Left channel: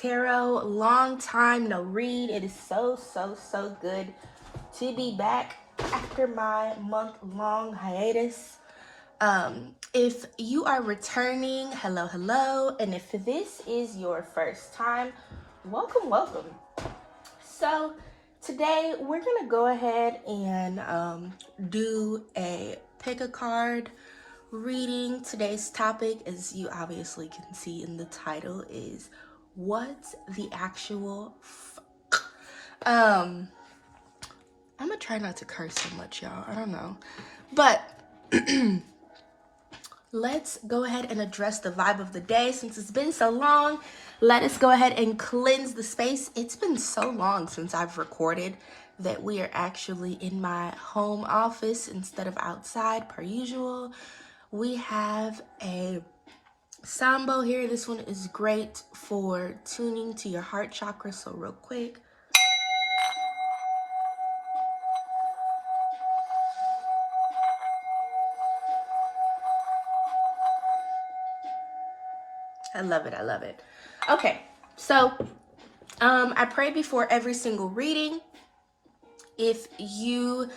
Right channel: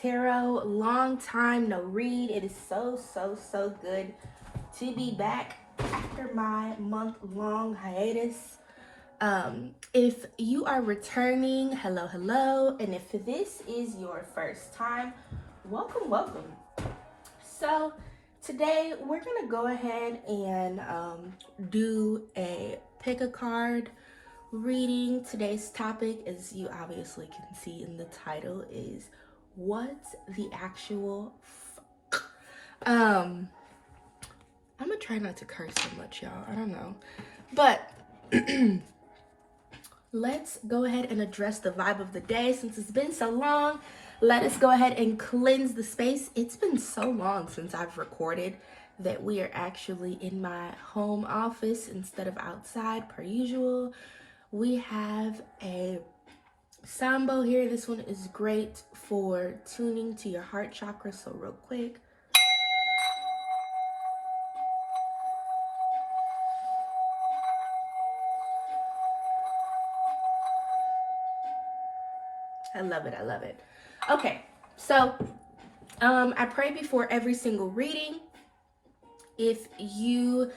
Tarot. Long time no read. It is so good to be back after my month-long hiatus. If you are returning, hello, and if this is your first time, welcome. So today we're gonna go ahead and do a pick a card reading. Today's topic, as you obviously can see in the title, is what's the actual I'm gonna try not to curse so much, y'all. I don't know, but let's go ahead and address the vibe of the day. Since it's been so long, let us go ahead and cleanse the space. It's been so long since I've recorded that we are actually in my home office instead of outside per usual. We have a Sambo here. This one is great for tuning to your heart chakra. So real quick. I love it. Okay, so I pray before every single reading. If you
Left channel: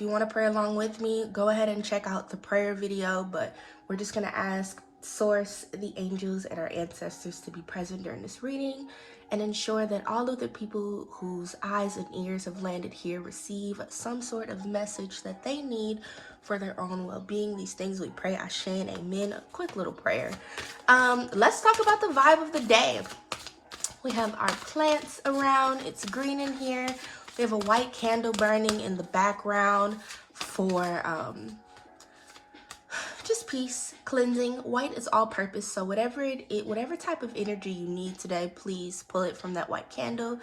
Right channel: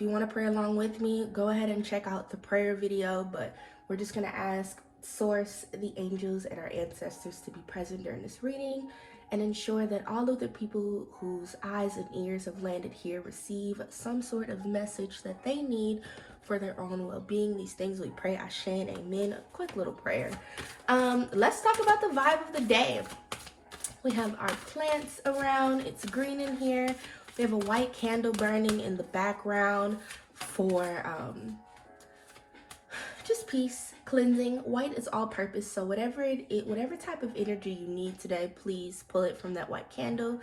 want to pray along with me, go ahead and check out the prayer video, but we're just going to ask Source, the angels, and our ancestors to be present during this reading and ensure that all of the people whose eyes and ears have landed here receive some sort of message that they need for their own well-being. These things we pray, Ashe and amen. A quick little prayer. Let's talk about the vibe of the day. We have our plants around. It's green in here. We have a white candle burning in the background for just peace, cleansing. White is all purpose, so whatever type of energy you need today, please pull it from that white candle.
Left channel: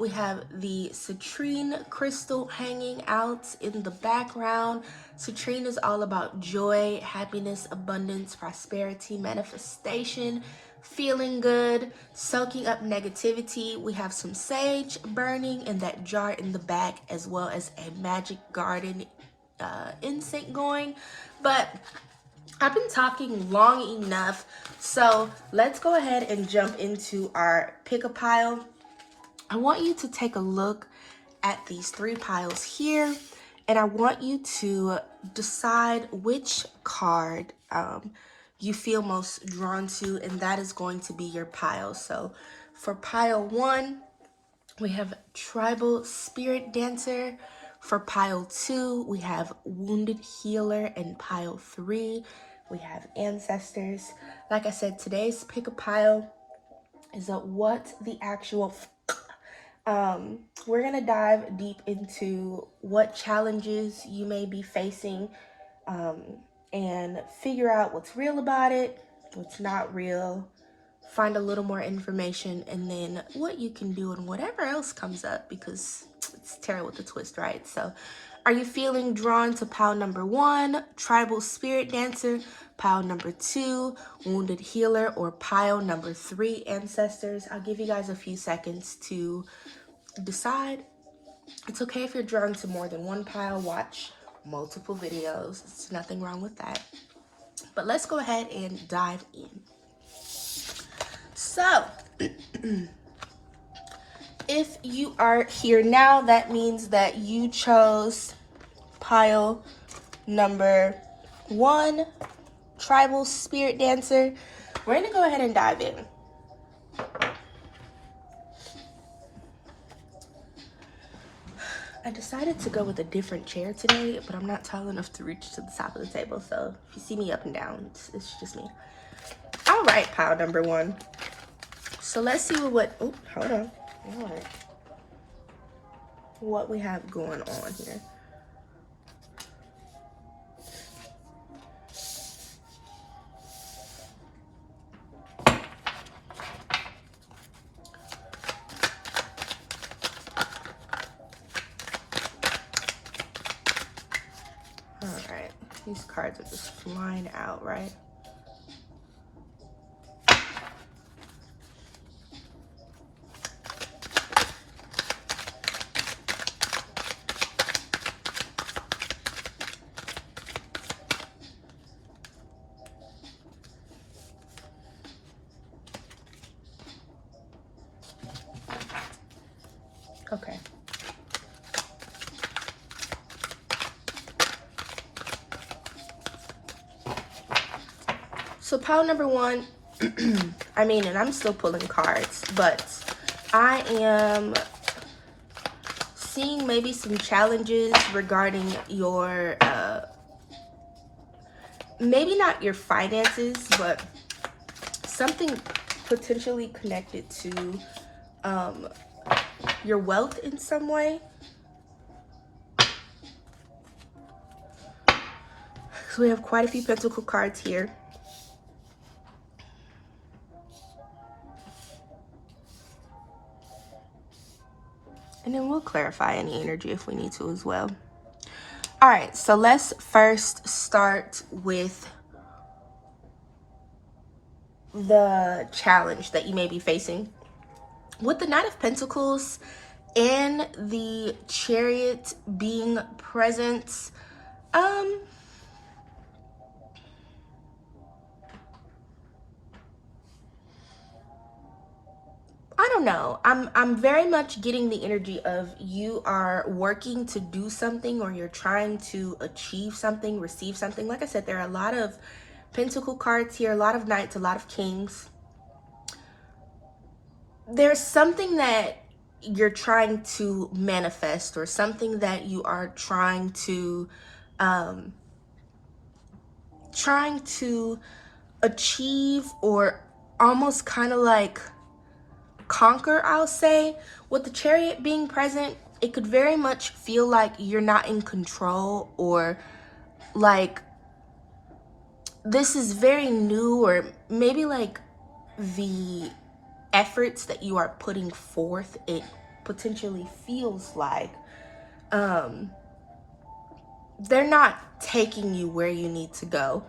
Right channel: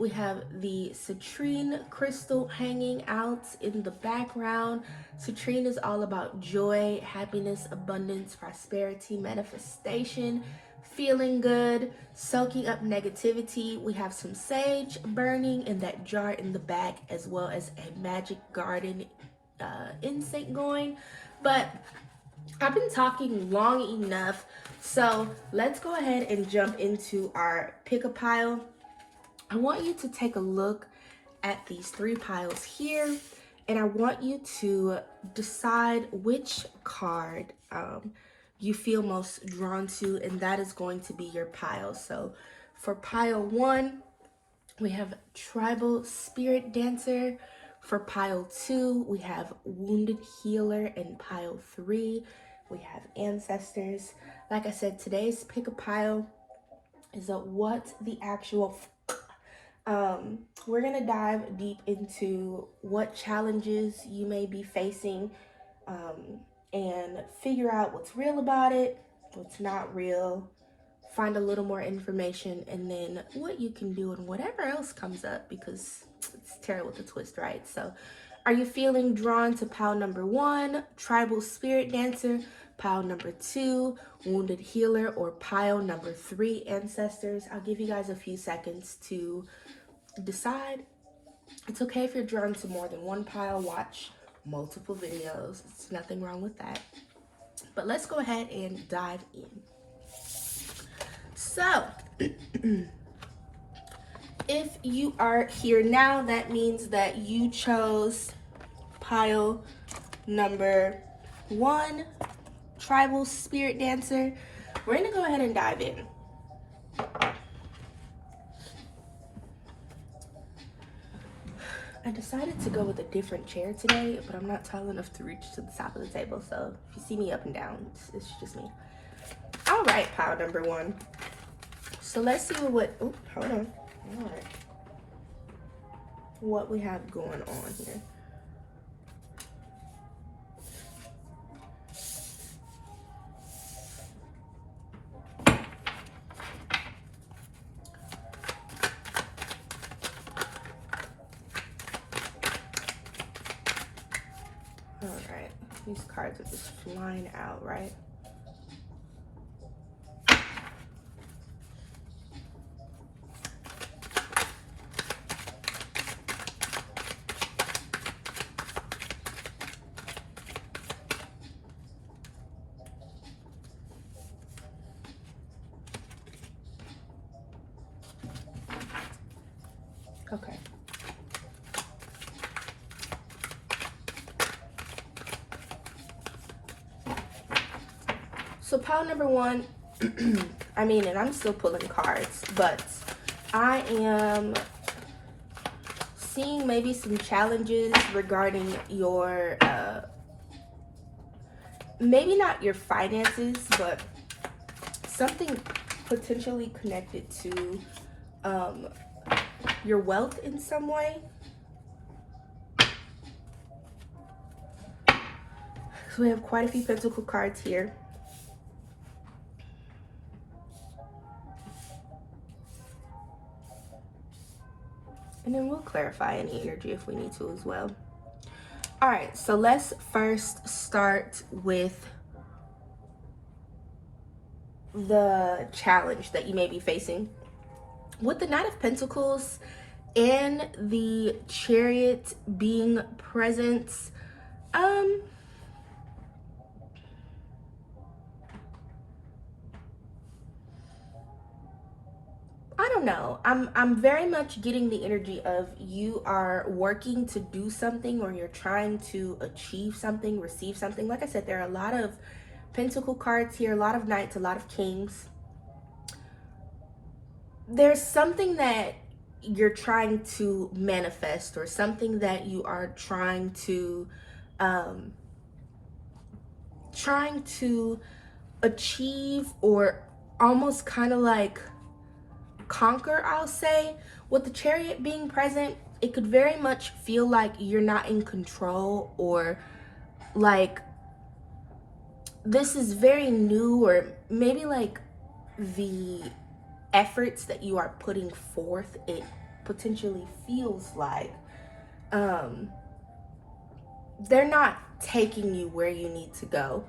We have the citrine crystal hanging out in the background. Citrine is all about joy, happiness, abundance, prosperity, manifestation, feeling good, soaking up negativity. We have some sage burning in that jar in the back, as well as a magic garden incense going. But I've been talking long enough, so let's go ahead and jump into our pick a pile. I want you to take a look at these three piles here, and I want you to decide which card you feel most drawn to, and that is going to be your pile. So for pile 1, we have Tribal Spirit Dancer. For pile 2, we have Wounded Healer. And pile 3, we have Ancestors. Like I said, today's pick a pile is a what the actual we're gonna dive deep into what challenges you may be facing and figure out what's real about it, what's not real, find a little more information, and then what you can do and whatever else comes up, because it's tarot with a twist, right? So are you feeling drawn to pile number 1, Tribal Spirit Dancer, pile number 2, Wounded Healer, or pile number 3, Ancestors? I'll give you guys a few seconds to decide. It's okay if you're drawn to more than one pile. Watch multiple videos. There's nothing wrong with that. But let's go ahead and dive in. So, if you are here now, that means that you chose pile number 1, Tribal Spirit Dancer. We're going to go ahead and dive in. I decided to go with a different chair today, but I'm not tall enough to reach to the top of the table. So if you see me up and down, it's just me. All right, pile number 1. So let's see what hold on. All right. What we have going on here. All right. These cards are just flying out, right? So pile number one, I mean, and I'm still pulling cards, but I am seeing maybe some challenges regarding your, maybe not your finances, but something potentially connected to your wealth in some way. So we have quite a few pentacle cards here. And then we'll clarify any energy if we need to as well. All right, so let's first start with the challenge that you may be facing. With the Knight of Pentacles and the Chariot being present, I don't know. I'm very much getting the energy of you are working to do something, or you're trying to achieve something, receive something. Like I said, there are a lot of Pentacle cards here, a lot of Knights, a lot of Kings. There's something that you're trying to manifest, or something that you are trying to achieve, or almost kind of like conquer, I'll say. With the Chariot being present, it could very much feel like you're not in control, or like this is very new, or maybe like the efforts that you are putting forth, it potentially feels like they're not taking you where you need to go.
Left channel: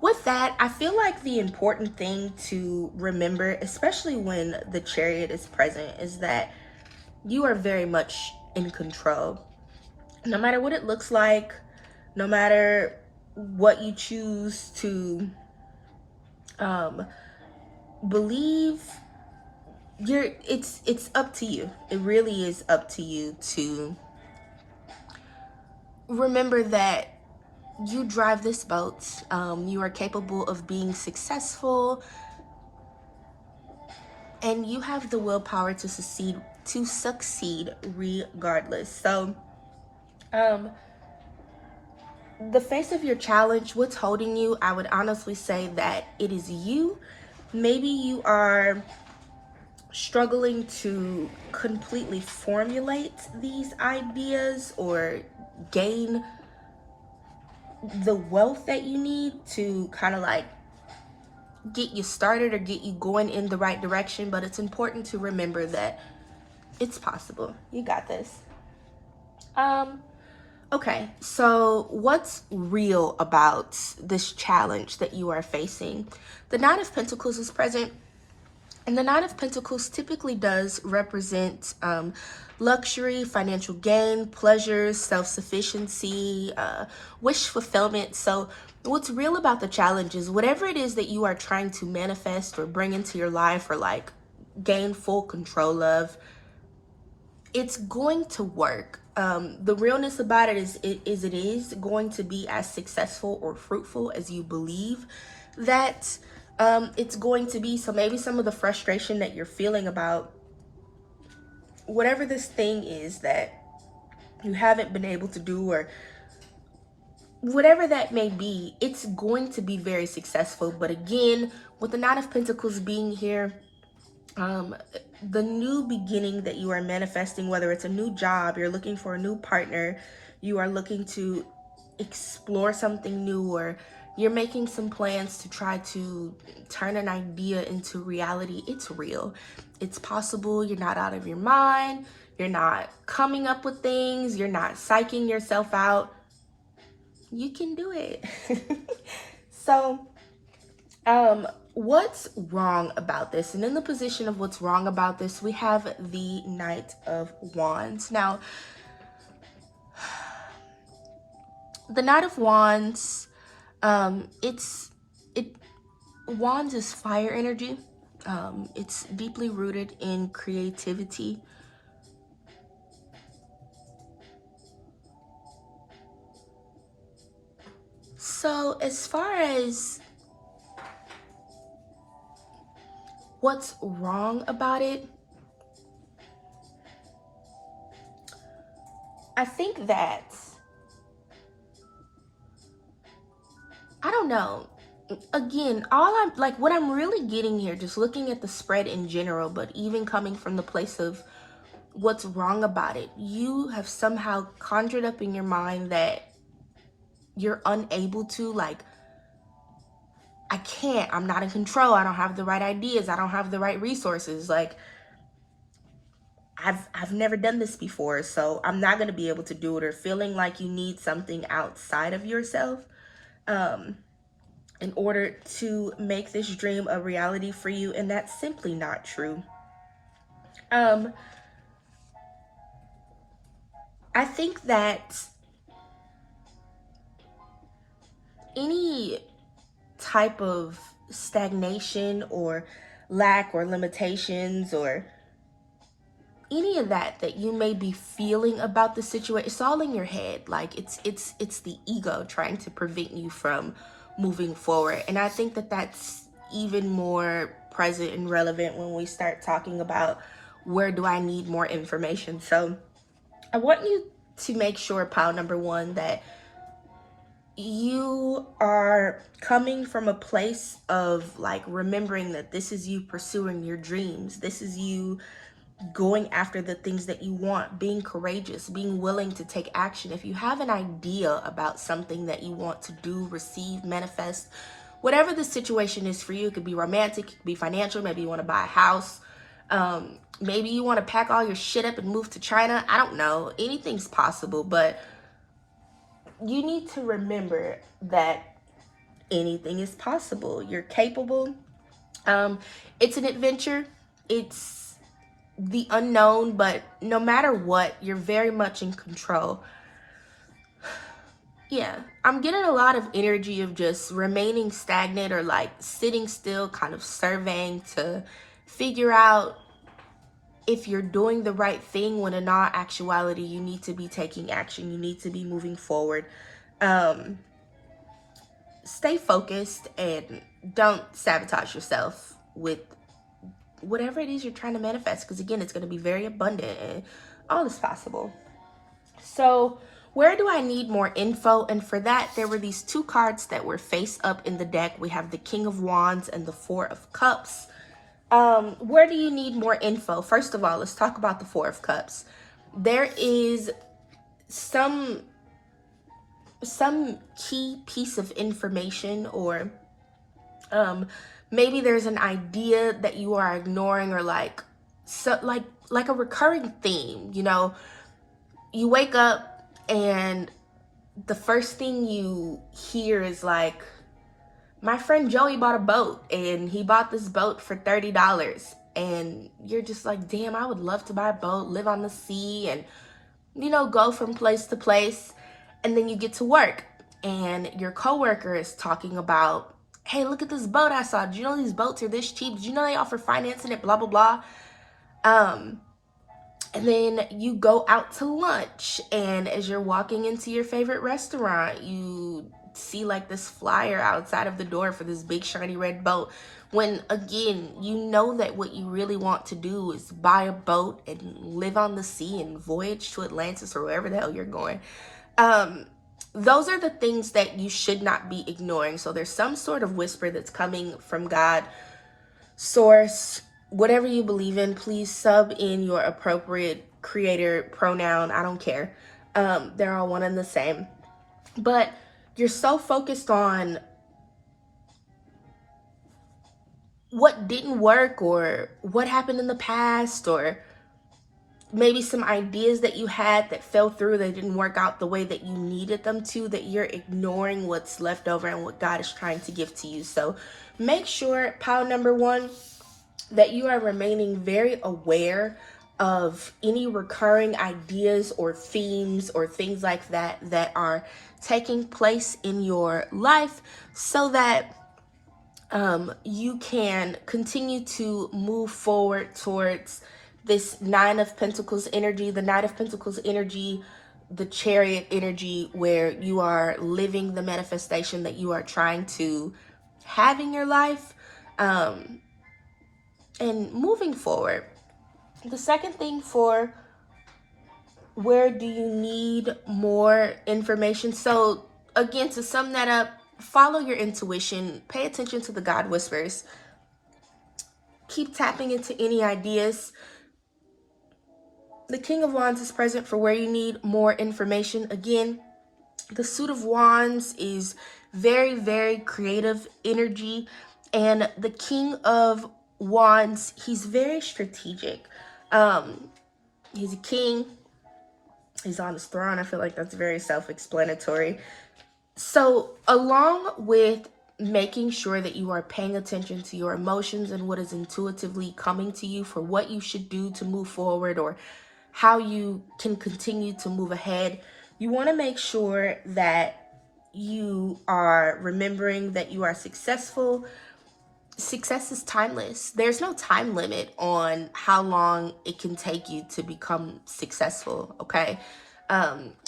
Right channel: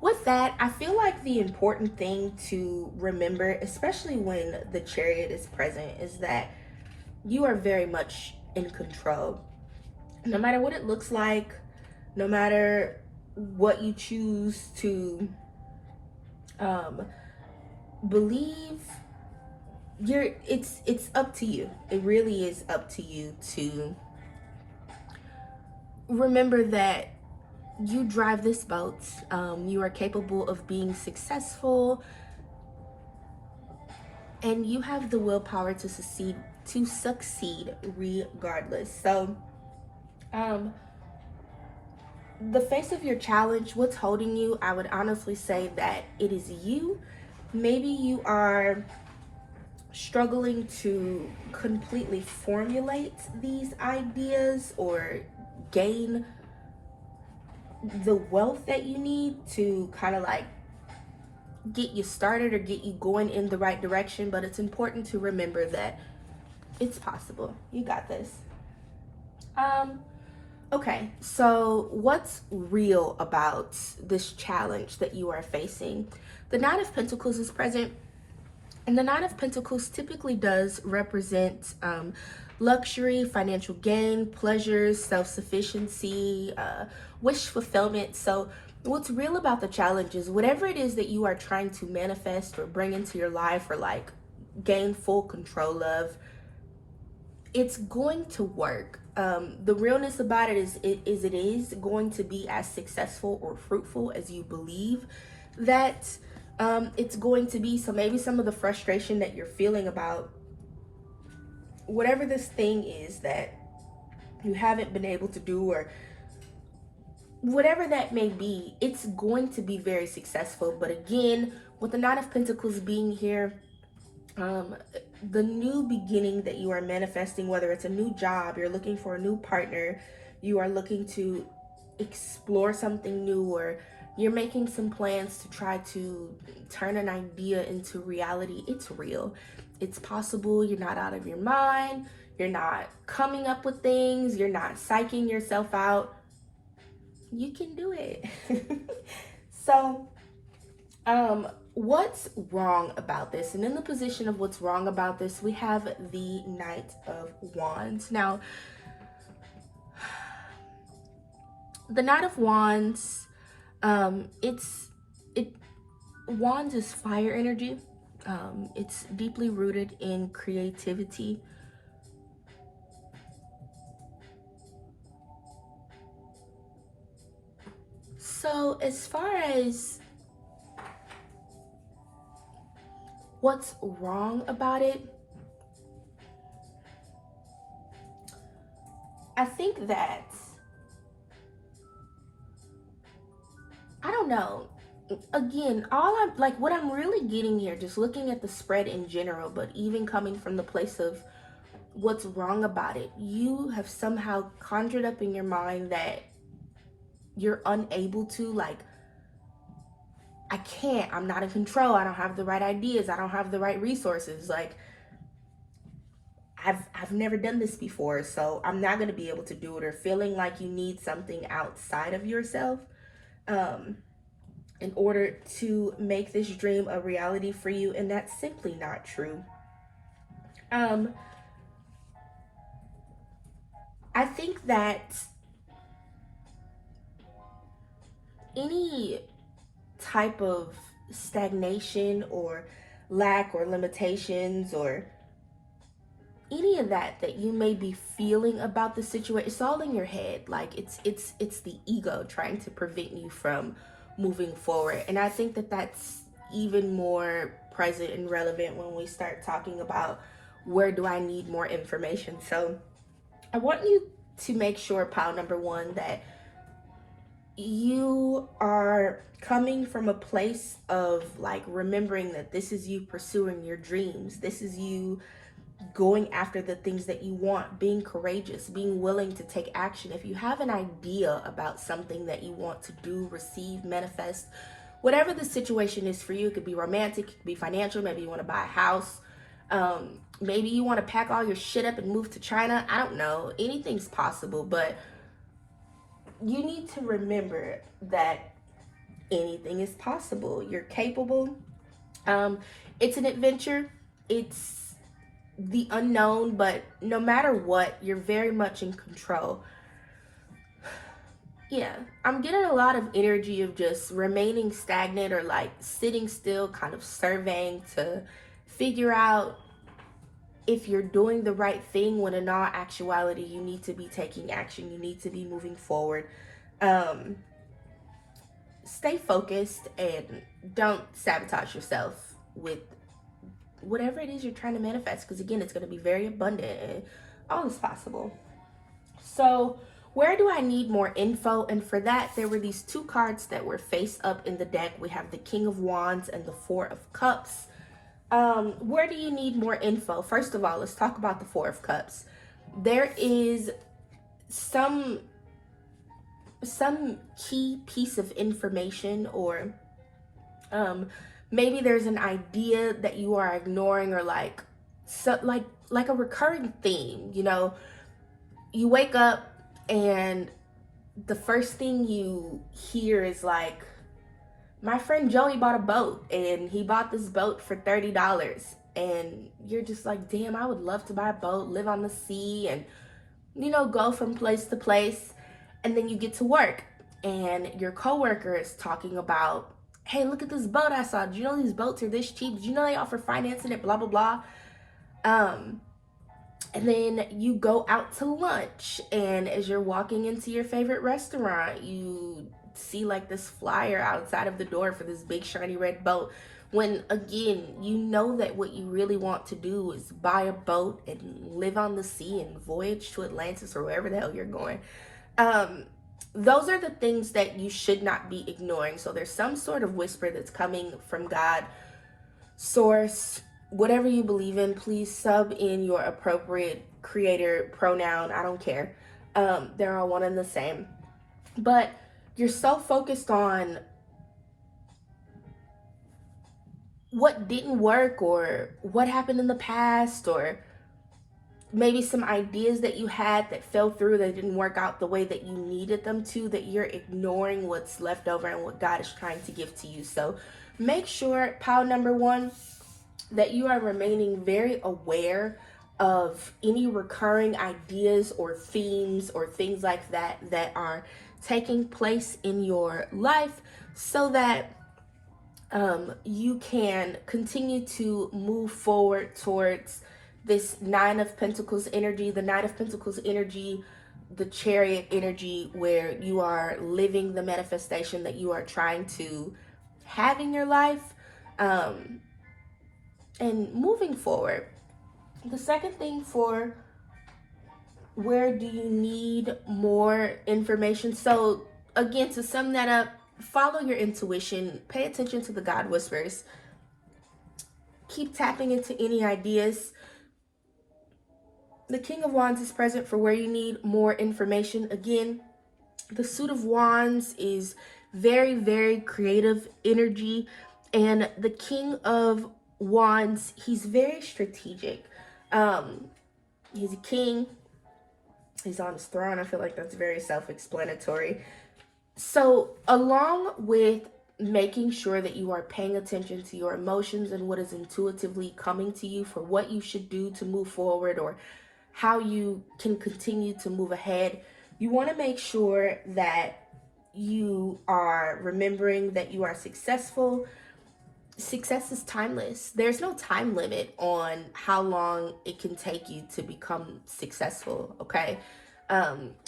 With that, I feel like the important thing to remember, especially when the Chariot is present, is that you are very much in control. No matter what it looks like, no matter what you choose to believe, it's up to you. It really is up to you to remember that you drive this boat. You are capable of being successful, and you have the willpower to succeed regardless. So the face of your challenge, what's holding you, I would honestly say that it is you. Maybe you are struggling to completely formulate these ideas, or gain the wealth that you need to kind of like get you started or get you going in the right direction. But it's important to remember that it's possible. You got this. Okay, so what's real about this challenge that you are facing? The Knight of Pentacles is present, and the Knight of Pentacles typically does represent luxury, financial gain, pleasures, self-sufficiency, wish fulfillment. So what's real about the challenge is whatever it is that you are trying to manifest or bring into your life, or like gain full control of, it's going to work. The realness about it is it is going to be as successful or fruitful as you believe that it's going to be. So maybe some of the frustration that you're feeling about whatever this thing is that you haven't been able to do, or whatever that may be, it's going to be very successful. But again, with the Knight of Pentacles being here, the new beginning that you are manifesting, whether it's a new job, you're looking for a new partner, you are looking to explore something new, or you're making some plans to try to turn an idea into reality, it's real. It's possible. You're not out of your mind. You're not coming up with things. You're not psyching yourself out. You can do it. So, what's wrong about this? And in the position of what's wrong about this, we have the Knight of Wands. Now, the Knight of Wands, Wands is fire energy. It's deeply rooted in creativity. So as far as what's wrong about it? I think that, I don't know. Again, all I'm like, what I'm really getting here, just looking at the spread in general, but even coming from the place of what's wrong about it, you have somehow conjured up in your mind that you're unable to, like, I can't, I'm not in control, I don't have the right ideas, I don't have the right resources, like, I've never done this before, so I'm not going to be able to do it, or feeling like you need something outside of yourself in order to make this dream a reality for you, and that's simply not true. I think that any type of stagnation or lack or limitations or any of that you may be feeling about the situation, it's all in your head. Like, it's the ego trying to prevent you from moving forward. And I think that that's even more present and relevant when we start talking about where do I need more information. So I want you to make sure, pile number one, that you are coming from a place of, like, remembering that this is you pursuing your dreams. This is you going after the things that you want, being courageous, being willing to take action. If you have an idea about something that you want to do, receive, manifest, whatever the situation is for you, it could be romantic, it could be financial, maybe you want to buy a house, maybe you want to pack all your shit up and move to China. I don't know, anything's possible, but you need to remember that anything is possible. You're capable. It's an adventure. It's the unknown, but no matter what, you're very much in control. Yeah, I'm getting a lot of energy of just remaining stagnant or like sitting still, kind of surveying to figure out if you're doing the right thing, when in all actuality, you need to be taking action. You need to be moving forward. Stay focused and don't sabotage yourself with whatever it is you're trying to manifest, because again, it's going to be very abundant and all is possible. So where do I need more info? And for that, there were these two cards that were face up in the deck. We have the King of Wands and the Four of Cups. Where do you need more info? First of all, let's talk about the Four of Cups. There is some key piece of information, or maybe there's an idea that you are ignoring, or like a recurring theme. You know, you wake up and the first thing you hear is like, my friend Joey bought a boat and he bought this boat for $30, and you're just like, damn, I would love to buy a boat, live on the sea, and, you know, go from place to place. And then you get to work and your coworker is talking about, hey, look at this boat I saw. Did you know these boats are this cheap? Did you know they offer financing it? Blah, blah, blah. And then you go out to lunch, and as you're walking into your favorite restaurant, you see like this flyer outside of the door for this big shiny red boat, when again, you know that what you really want to do is buy a boat and live on the sea and voyage to Atlantis or wherever the hell you're going. Those are the things that you should not be ignoring. So there's some sort of whisper that's coming from God, source, whatever you believe in. Please sub in your appropriate creator pronoun. I don't care. They're all one and the same. But you're so focused on what didn't work, or what happened in the past, or maybe some ideas that you had that fell through, that didn't work out the way that you needed them to, that you're ignoring what's left over and what God is trying to give to you. So make sure, pile number one, that you are remaining very aware of any recurring ideas or themes or things like that that are taking place in your life, so that you can continue to move forward towards this Nine of Pentacles energy, the Knight of Pentacles energy, the Chariot energy, where you are living the manifestation that you are trying to have in your life. And moving forward, the second thing for where do you need more information? So, again, to sum that up, follow your intuition, pay attention to the God whispers, keep tapping into any ideas. The King of Wands is present for where you need more information. Again, the Suit of Wands is very, very creative energy. And the King of Wands, he's very strategic. He's a king. He's on his throne. I feel like that's very self-explanatory. So, along with making sure that you are paying attention to your emotions and what is intuitively coming to you for what you should do to move forward or how you can continue to move ahead, you want to make sure that you are remembering that you are successful. Success is timeless. There's no time limit on how long it can take you to become successful, okay?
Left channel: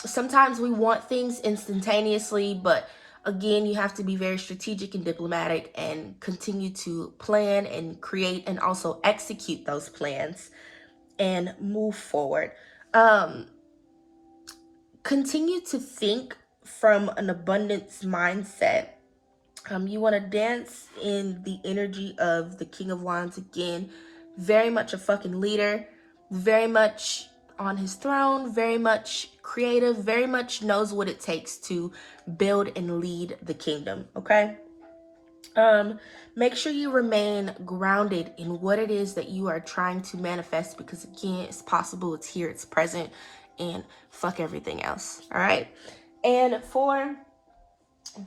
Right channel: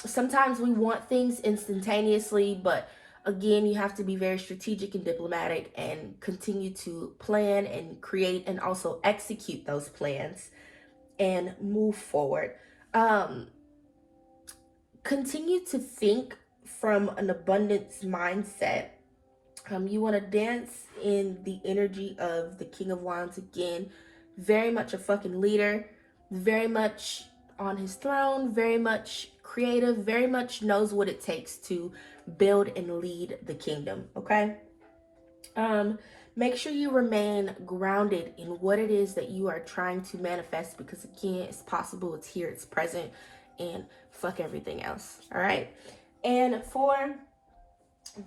Sometimes we want things instantaneously, but again, you have to be very strategic and diplomatic and continue to plan and create and also execute those plans and move forward. Continue to think from an abundance mindset. You want to dance in the energy of the King of Wands again. Very much a fucking leader. Very much on his throne. Very much creative. Very much knows what it takes to build and lead the kingdom. Okay? Make sure you remain grounded in what it is that you are trying to manifest, because again, it's possible, it's here, it's present, and fuck everything else. All right? And for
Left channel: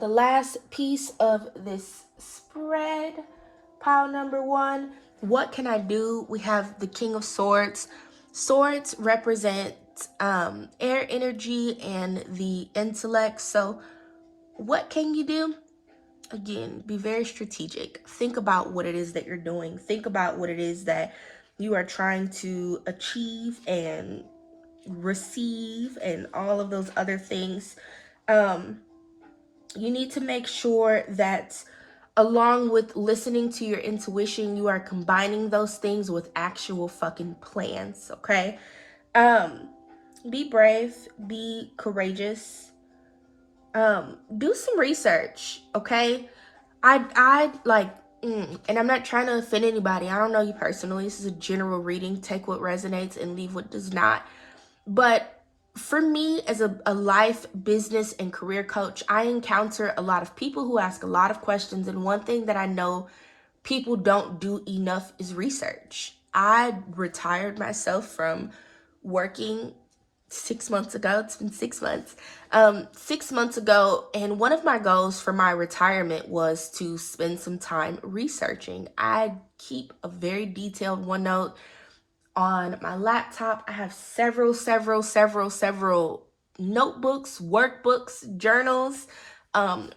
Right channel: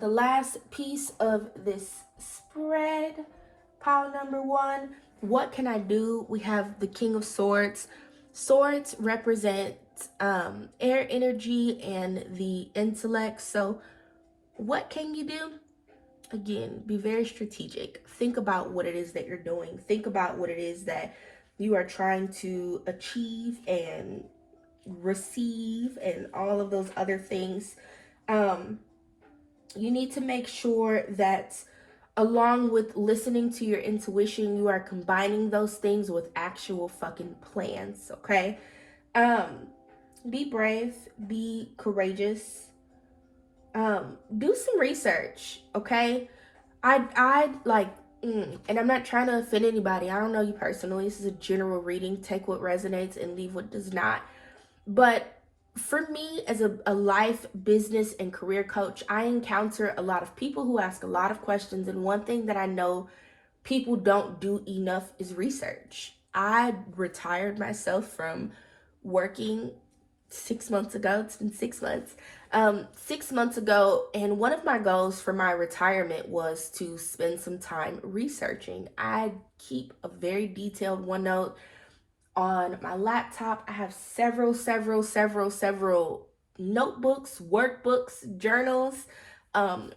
the last piece of this spread, pile number one, what can I do? We have the King of Swords. Swords represent air energy and the intellect. So what can you do? Again, be very strategic. Think about what it is that you're doing. Think about what it is that you are trying to achieve and receive and all of those other things. You need to make sure that along with listening to your intuition, you are combining those things with actual fucking plans, okay? Be brave, be courageous. Do some research, okay? I like, and I'm not trying to offend anybody. I don't know you personally. This is a general reading. Take what resonates and leave what does not. But for me, as a life, business, and career coach, I encounter a lot of people who ask a lot of questions. And one thing that I know people don't do enough is research. I retired myself from working 6 months ago. It's been 6 months. 6 months ago, and one of my goals for my retirement was to spend some time researching. I keep a very detailed OneNote on my laptop. I have several notebooks, workbooks, journals,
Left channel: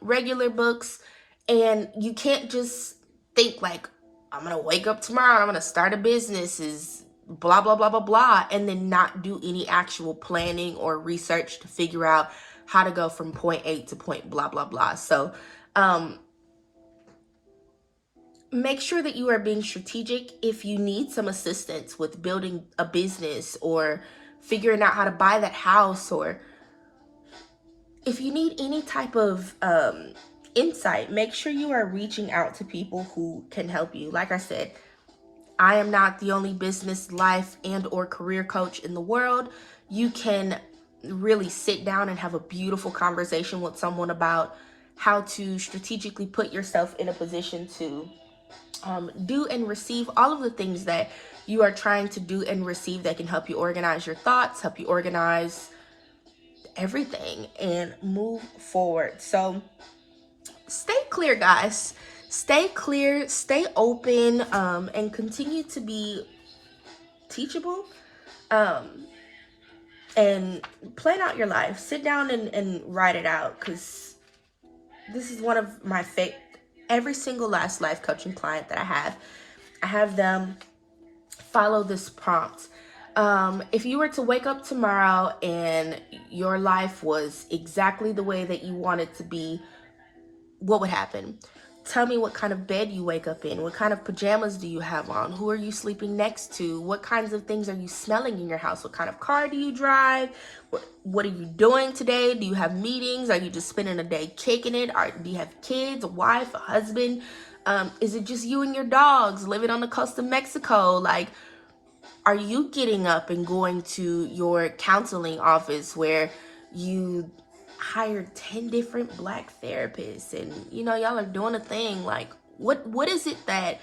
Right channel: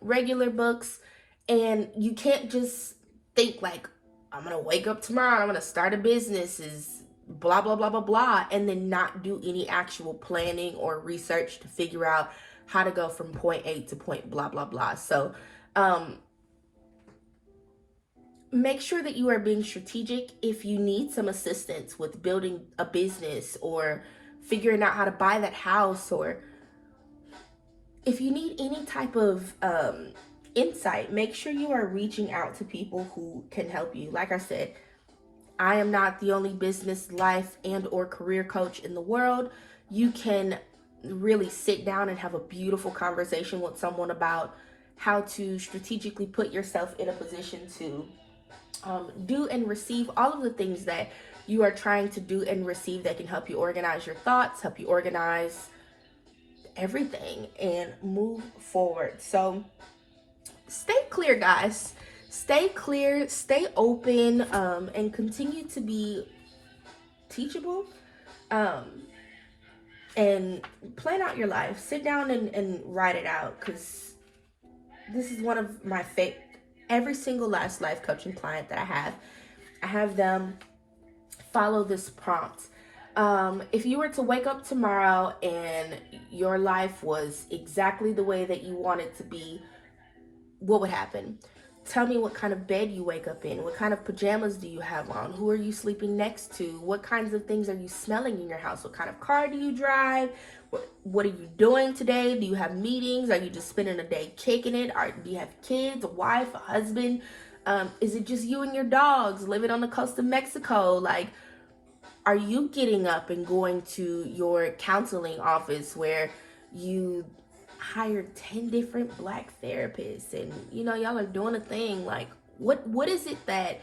regular books, and you can't just think like, I'm gonna wake up tomorrow, I'm gonna start a business, is blah blah blah blah blah, and then not do any actual planning or research to figure out how to go from point A to point blah blah blah. So make sure that you are being strategic. If you need some assistance with building a business or figuring out how to buy that house, or if you need any type of insight, make sure you are reaching out to people who can help you. Like I said, I am not the only business, life, and or career coach in the world. You can really sit down and have a beautiful conversation with someone about how to strategically put yourself in a position to do and receive all of the things that you are trying to do and receive, that can help you organize your thoughts, help you organize everything, and move forward. So stay clear, guys. Stay clear, stay open, and continue to be teachable, and plan out your life. Sit down and write it out, because this is one of my every single last life coaching client that I have them follow this prompt. If you were to wake up tomorrow and your life was exactly the way that you want it to be, what would happen? Tell me what kind of bed you wake up in. What kind of pajamas do you have on? Who are you sleeping next to? What kinds of things are you smelling in your house? What kind of car do you drive? What are you doing today? Do you have meetings? Are you just spending a day kicking it? Do you have kids, a wife, a husband? Is it just you and your dogs living on the coast of Mexico? Like, are you getting up and going to your counseling office where you hired 10 different black therapists and y'all are doing a thing? Like, what is it that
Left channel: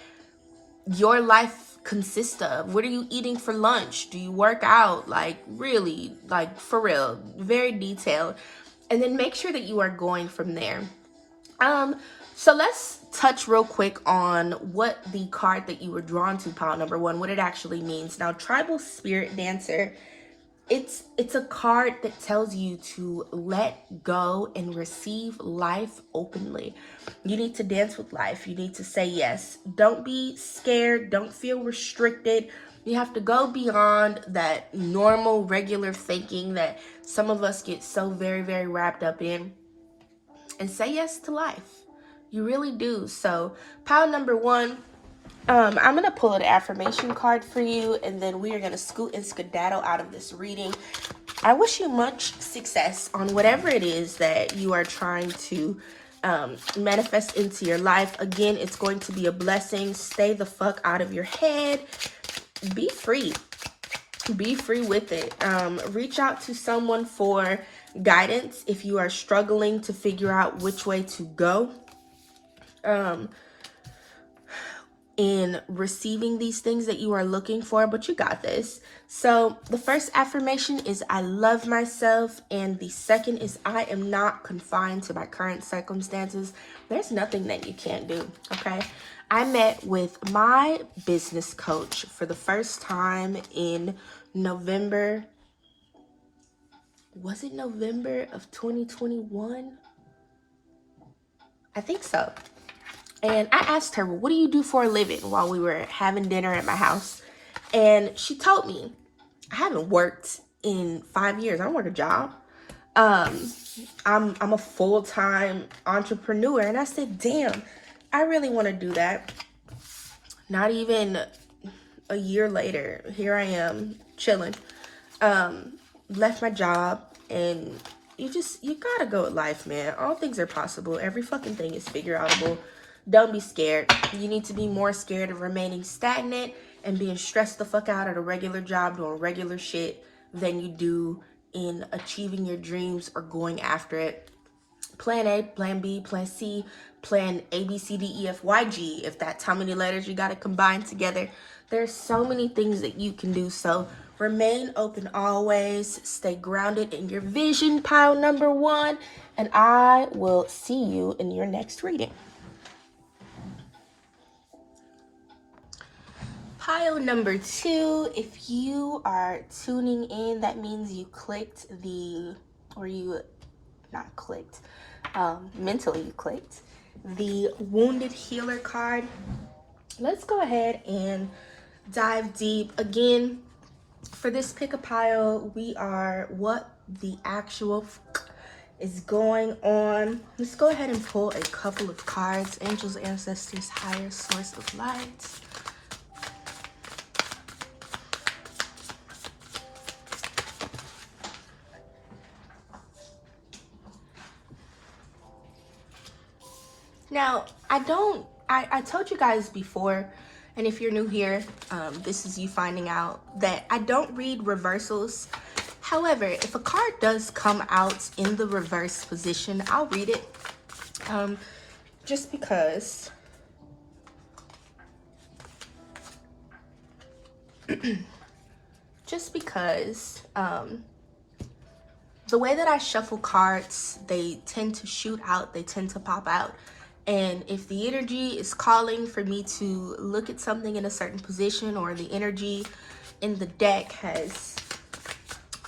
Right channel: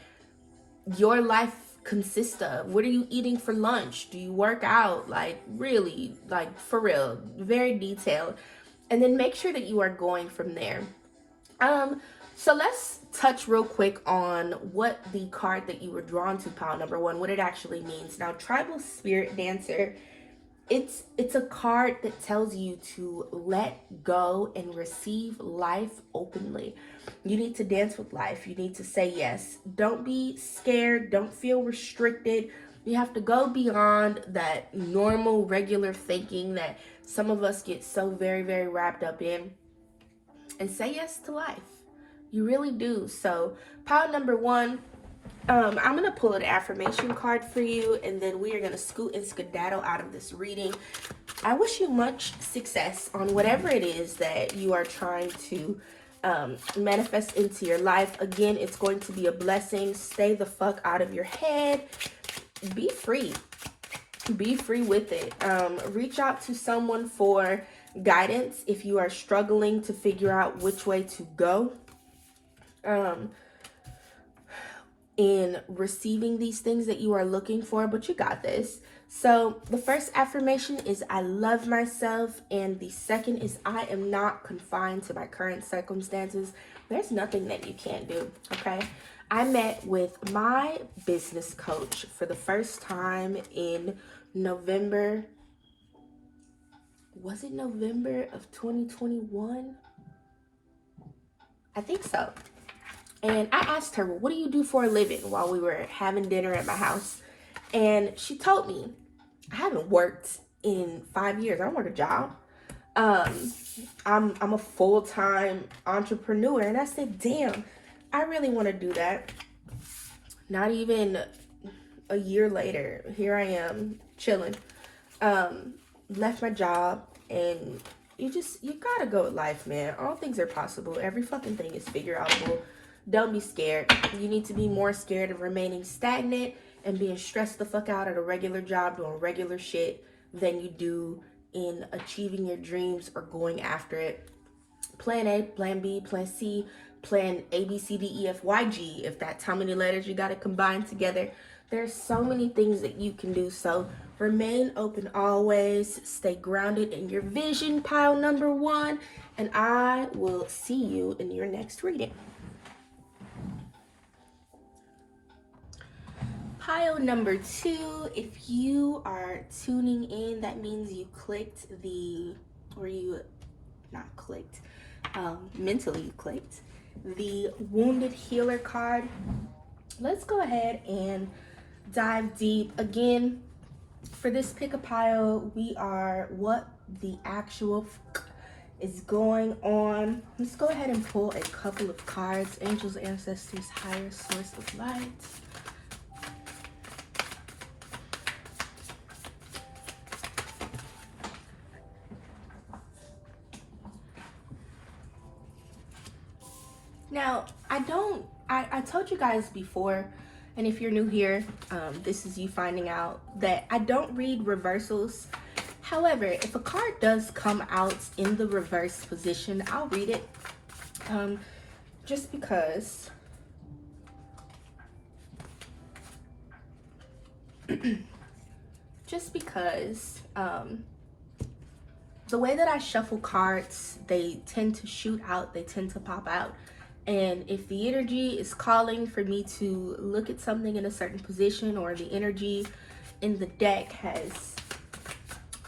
your life consists of? What are you eating for lunch? Do you work out? Like, really, like, for real, very detailed. And then make sure that you are going from there. So let's touch real quick on what the card that you were drawn to, pile number 1, what it actually means. Now, Tribal Spirit Dancer, it's a card that tells you to let go and receive life openly. You need to dance with life. You need to say yes. Don't be scared. Don't feel restricted. You have to go beyond that normal, regular thinking that some of us get so very, very wrapped up in, and say yes to life. You really do. So, pile number 1, I'm going to pull an affirmation card for you, and then we are going to scoot and skedaddle out of this reading. I wish you much success on whatever it is that you are trying to manifest into your life. Again, it's going to be a blessing. Stay the fuck out of your head. Be free. Be free with it. Reach out to someone for guidance if you are struggling to figure out which way to go in receiving these things that you are looking for, but you got this. So the first affirmation is I love myself, and the second is I am not confined to my current circumstances. There's nothing that you can't do, okay? I met with my business coach for the first time in November. Was it November of 2021? I think so. And I asked her, well, what do you do for a living, while we were having dinner at my house? And she told me, I haven't worked in 5 years. I don't work a job. I'm a full-time entrepreneur. And I said, damn, I really want to do that. Not even a year later, here I am chilling. Left my job, and you gotta go with life, man. All things are possible. Every fucking thing is figureoutable. Don't be scared. You need to be more scared of remaining stagnant and being stressed the fuck out at a regular job doing regular shit than you do in achieving your dreams or going after it. Plan A, plan B, plan C, plan A, B, C, D, E, F, Y, G, if that's how many letters you got to combine together. There's so many things that you can do. So remain open always. Stay grounded in your vision, pile number 1. And I will see you in your next reading. Pile number 2, if you are tuning in, that means you clicked mentally you clicked the Wounded Healer card. Let's go ahead and dive deep. Again, for this pick a pile, we are what the actual is going on. Let's go ahead and pull a couple of cards. Angels, ancestors, higher source of light. Now, I told you guys before, and if you're new here, this is you finding out that I don't read reversals. However, if a card does come out in the reverse position, I'll read it. Just because the way that I shuffle cards, they tend to shoot out, they tend to pop out. And if the energy is calling for me to look at something in a certain position, or the energy in the deck has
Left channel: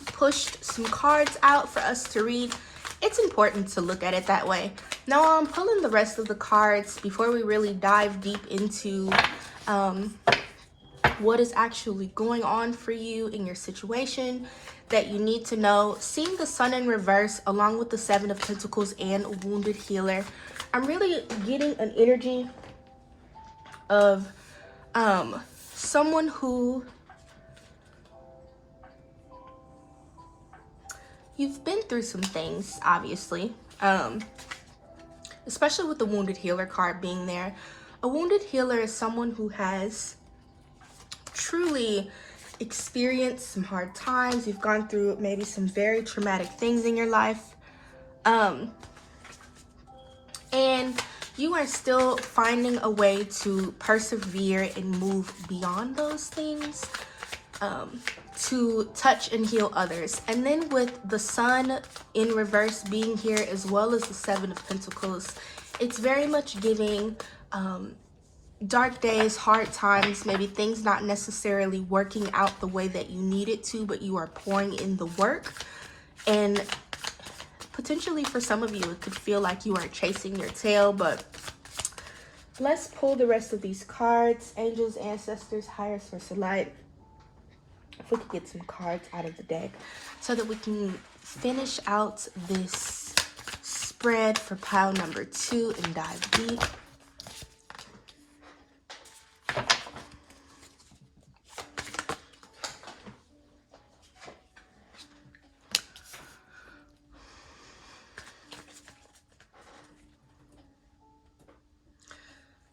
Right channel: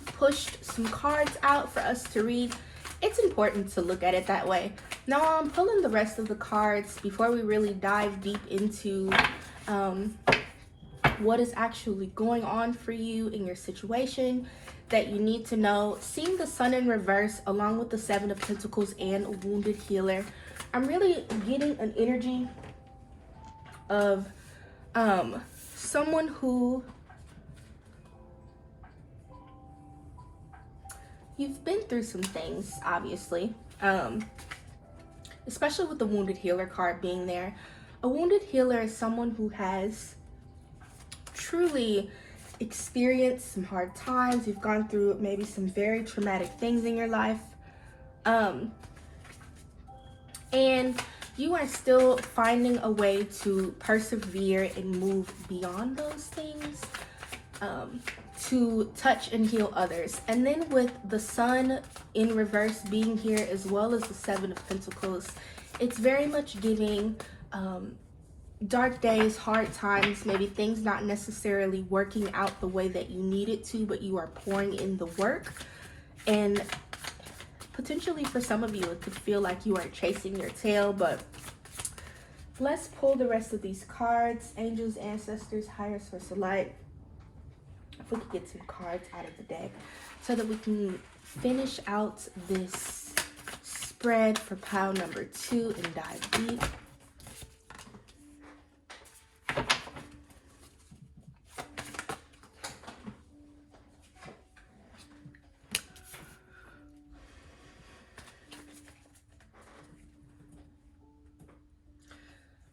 pushed some cards out for us to read, it's important to look at it that way. Now I'm pulling the rest of the cards before we really dive deep into what is actually going on for you in your situation that you need to know. Seeing the Sun in reverse along with the 7 of Pentacles and Wounded Healer, I'm really getting an energy of someone who you've been through some things, obviously, especially with the wounded healer card being there. A wounded healer is someone who has truly experienced some hard times. You've gone through maybe some very traumatic things in your life, and you are still finding a way to persevere and move beyond those things, to touch and heal others. And then with the sun in reverse being here, as well as the Seven of Pentacles, it's very much giving dark days, hard times, maybe things not necessarily working out the way that you need it to, but you are pouring in the work. And potentially for some of you, it could feel like you are chasing your tail, but let's pull the rest of these cards. Angels, ancestors, higher source of light. If we could get some cards out of the deck so that we can finish out this spread for pile number 2 and dive deep.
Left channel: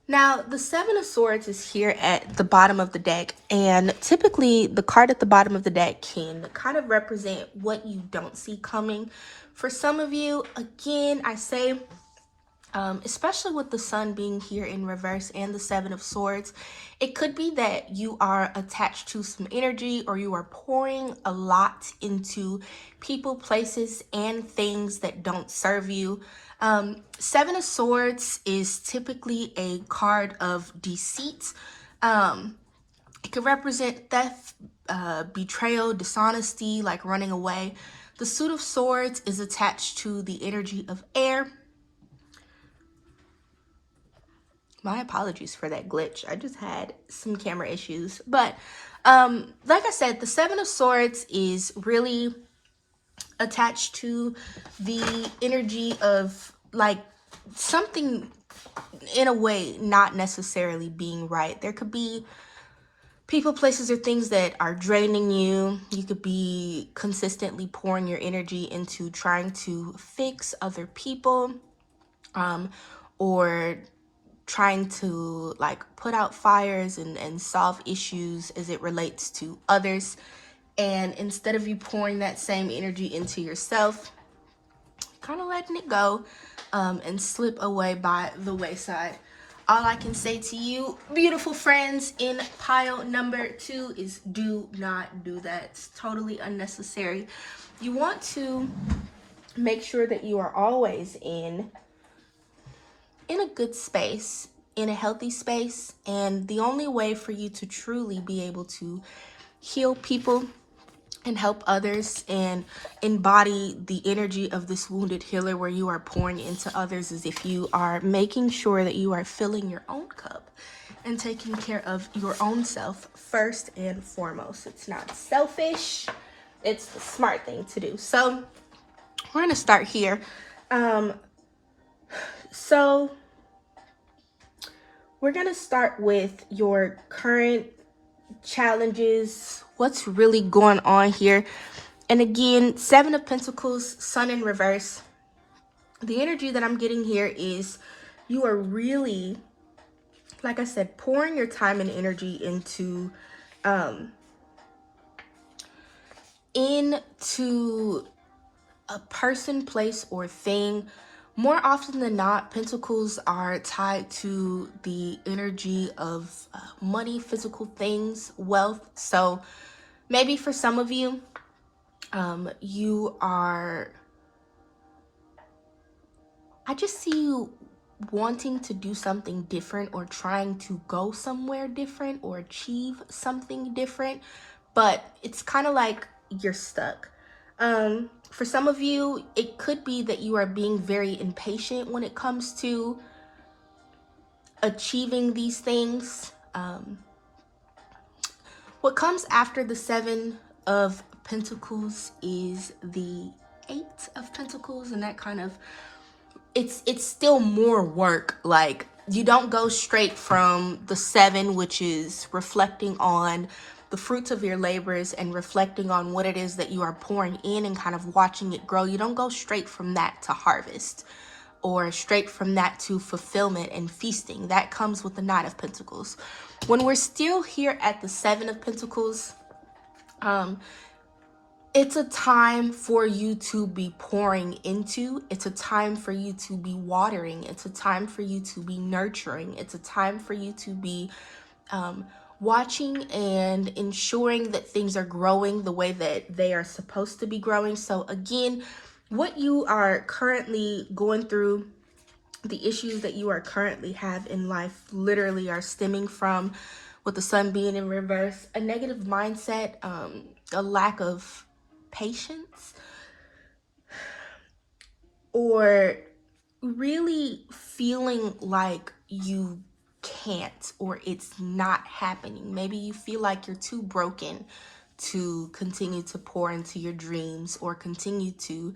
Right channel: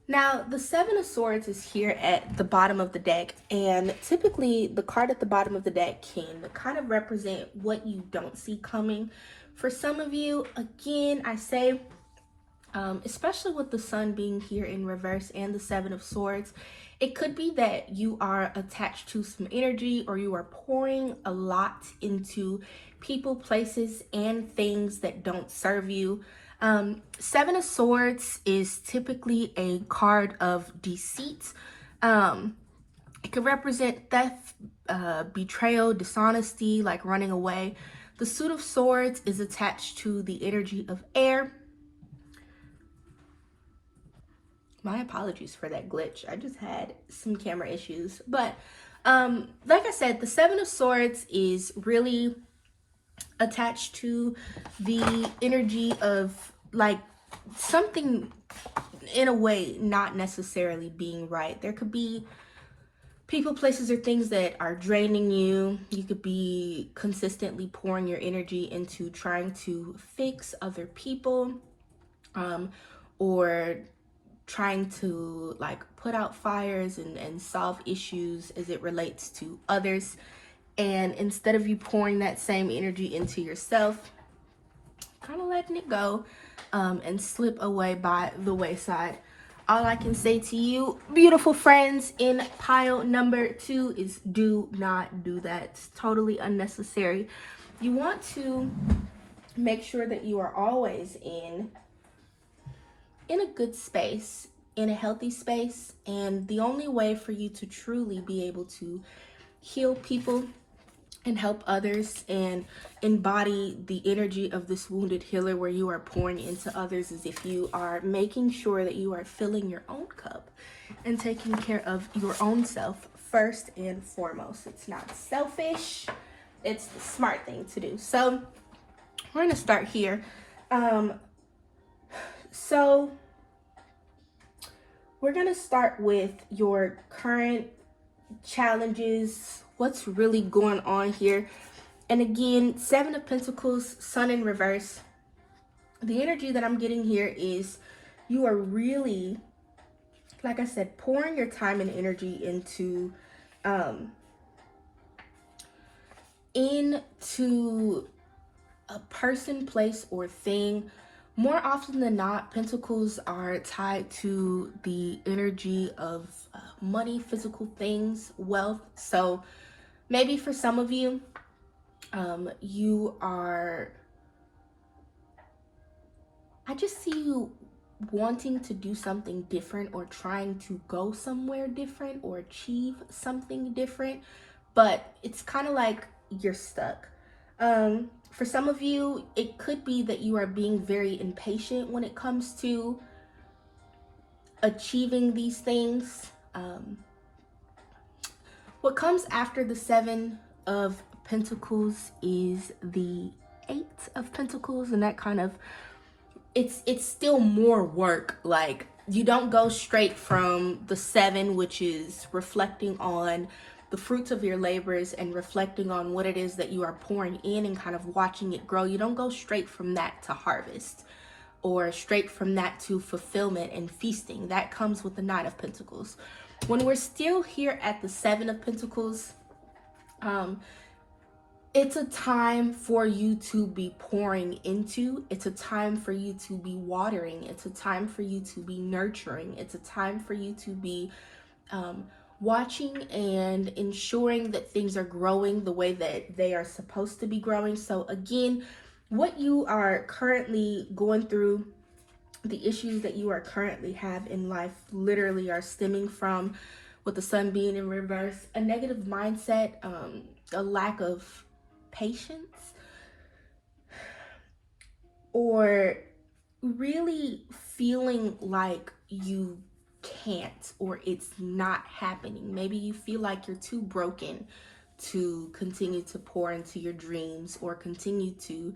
Now, the Seven of Swords is here at the bottom of the deck, and typically the card at the bottom of the deck can kind of represent what you don't see coming. For some of you, again, I say, especially with the sun being here in reverse and the Seven of Swords, it could be that you are attached to some energy, or you are pouring a lot into people, places, and things that don't serve you. Seven of Swords is typically a card of deceit. It could represent theft, betrayal, dishonesty, like running away. The Suit of Swords is attached to the energy of air. My apologies for that glitch. I just had some camera issues. But like I said, the Seven of Swords is really attached to the energy of like something in a way not necessarily being right. There could be people, places, or things that are draining you. You could be consistently pouring your energy into trying to fix other people, or trying to like put out fires and solve issues as it relates to others. And instead of you pouring that same energy into yourself, kind of letting it go and slip away by the wayside. All I can say to you, beautiful friends, in pile number 2 is do not do that. It's totally unnecessary. You want to make sure that you are always in a good space, in a healthy space. And the only way for you to truly be able to heal people and help others and embody the energy of this wounded healer where you are pouring into others is if you are making sure that you are filling your own cup and taking care of your own self first and foremost. It's not selfish, it's the smart thing to do. So we're going to start here. So we're going to start with your current challenges, what's really going on here. And again, Seven of Pentacles, sun in reverse. The energy that I'm getting here is you are really, like I said, pouring your time and energy into a person, place, or thing. More often than not, pentacles are tied to the energy of money, physical things, wealth. So maybe for some of you, I just see you wanting to do something different, or trying to go somewhere different, or achieve something different, but it's kind of like you're stuck. For some of you, it could be that you are being very impatient when it comes to achieving these things. What comes after the Seven of Pentacles is the Eight of Pentacles, and that kind of it's still more work. Like, you don't go straight from the 7, which is reflecting on the fruits of your labors and reflecting on what it is that you are pouring in and kind of watching it grow. You don't go straight from that to harvest, or straight from that to fulfillment and feasting. That comes with the Knight of Pentacles. When we're still here at the 7 of Pentacles, it's a time for you to be pouring into. It's a time for you to be watering. It's a time for you to be nurturing. It's a time for you to be watching and ensuring that things are growing the way that they are supposed to be growing. So again, what you are currently going through, the issues that you are currently have in life, literally are stemming from, with the sun being in reverse, a negative mindset, a lack of patience, or really feeling like you can't, or it's not happening. Maybe you feel like you're too broken to continue to pour into your dreams or continue to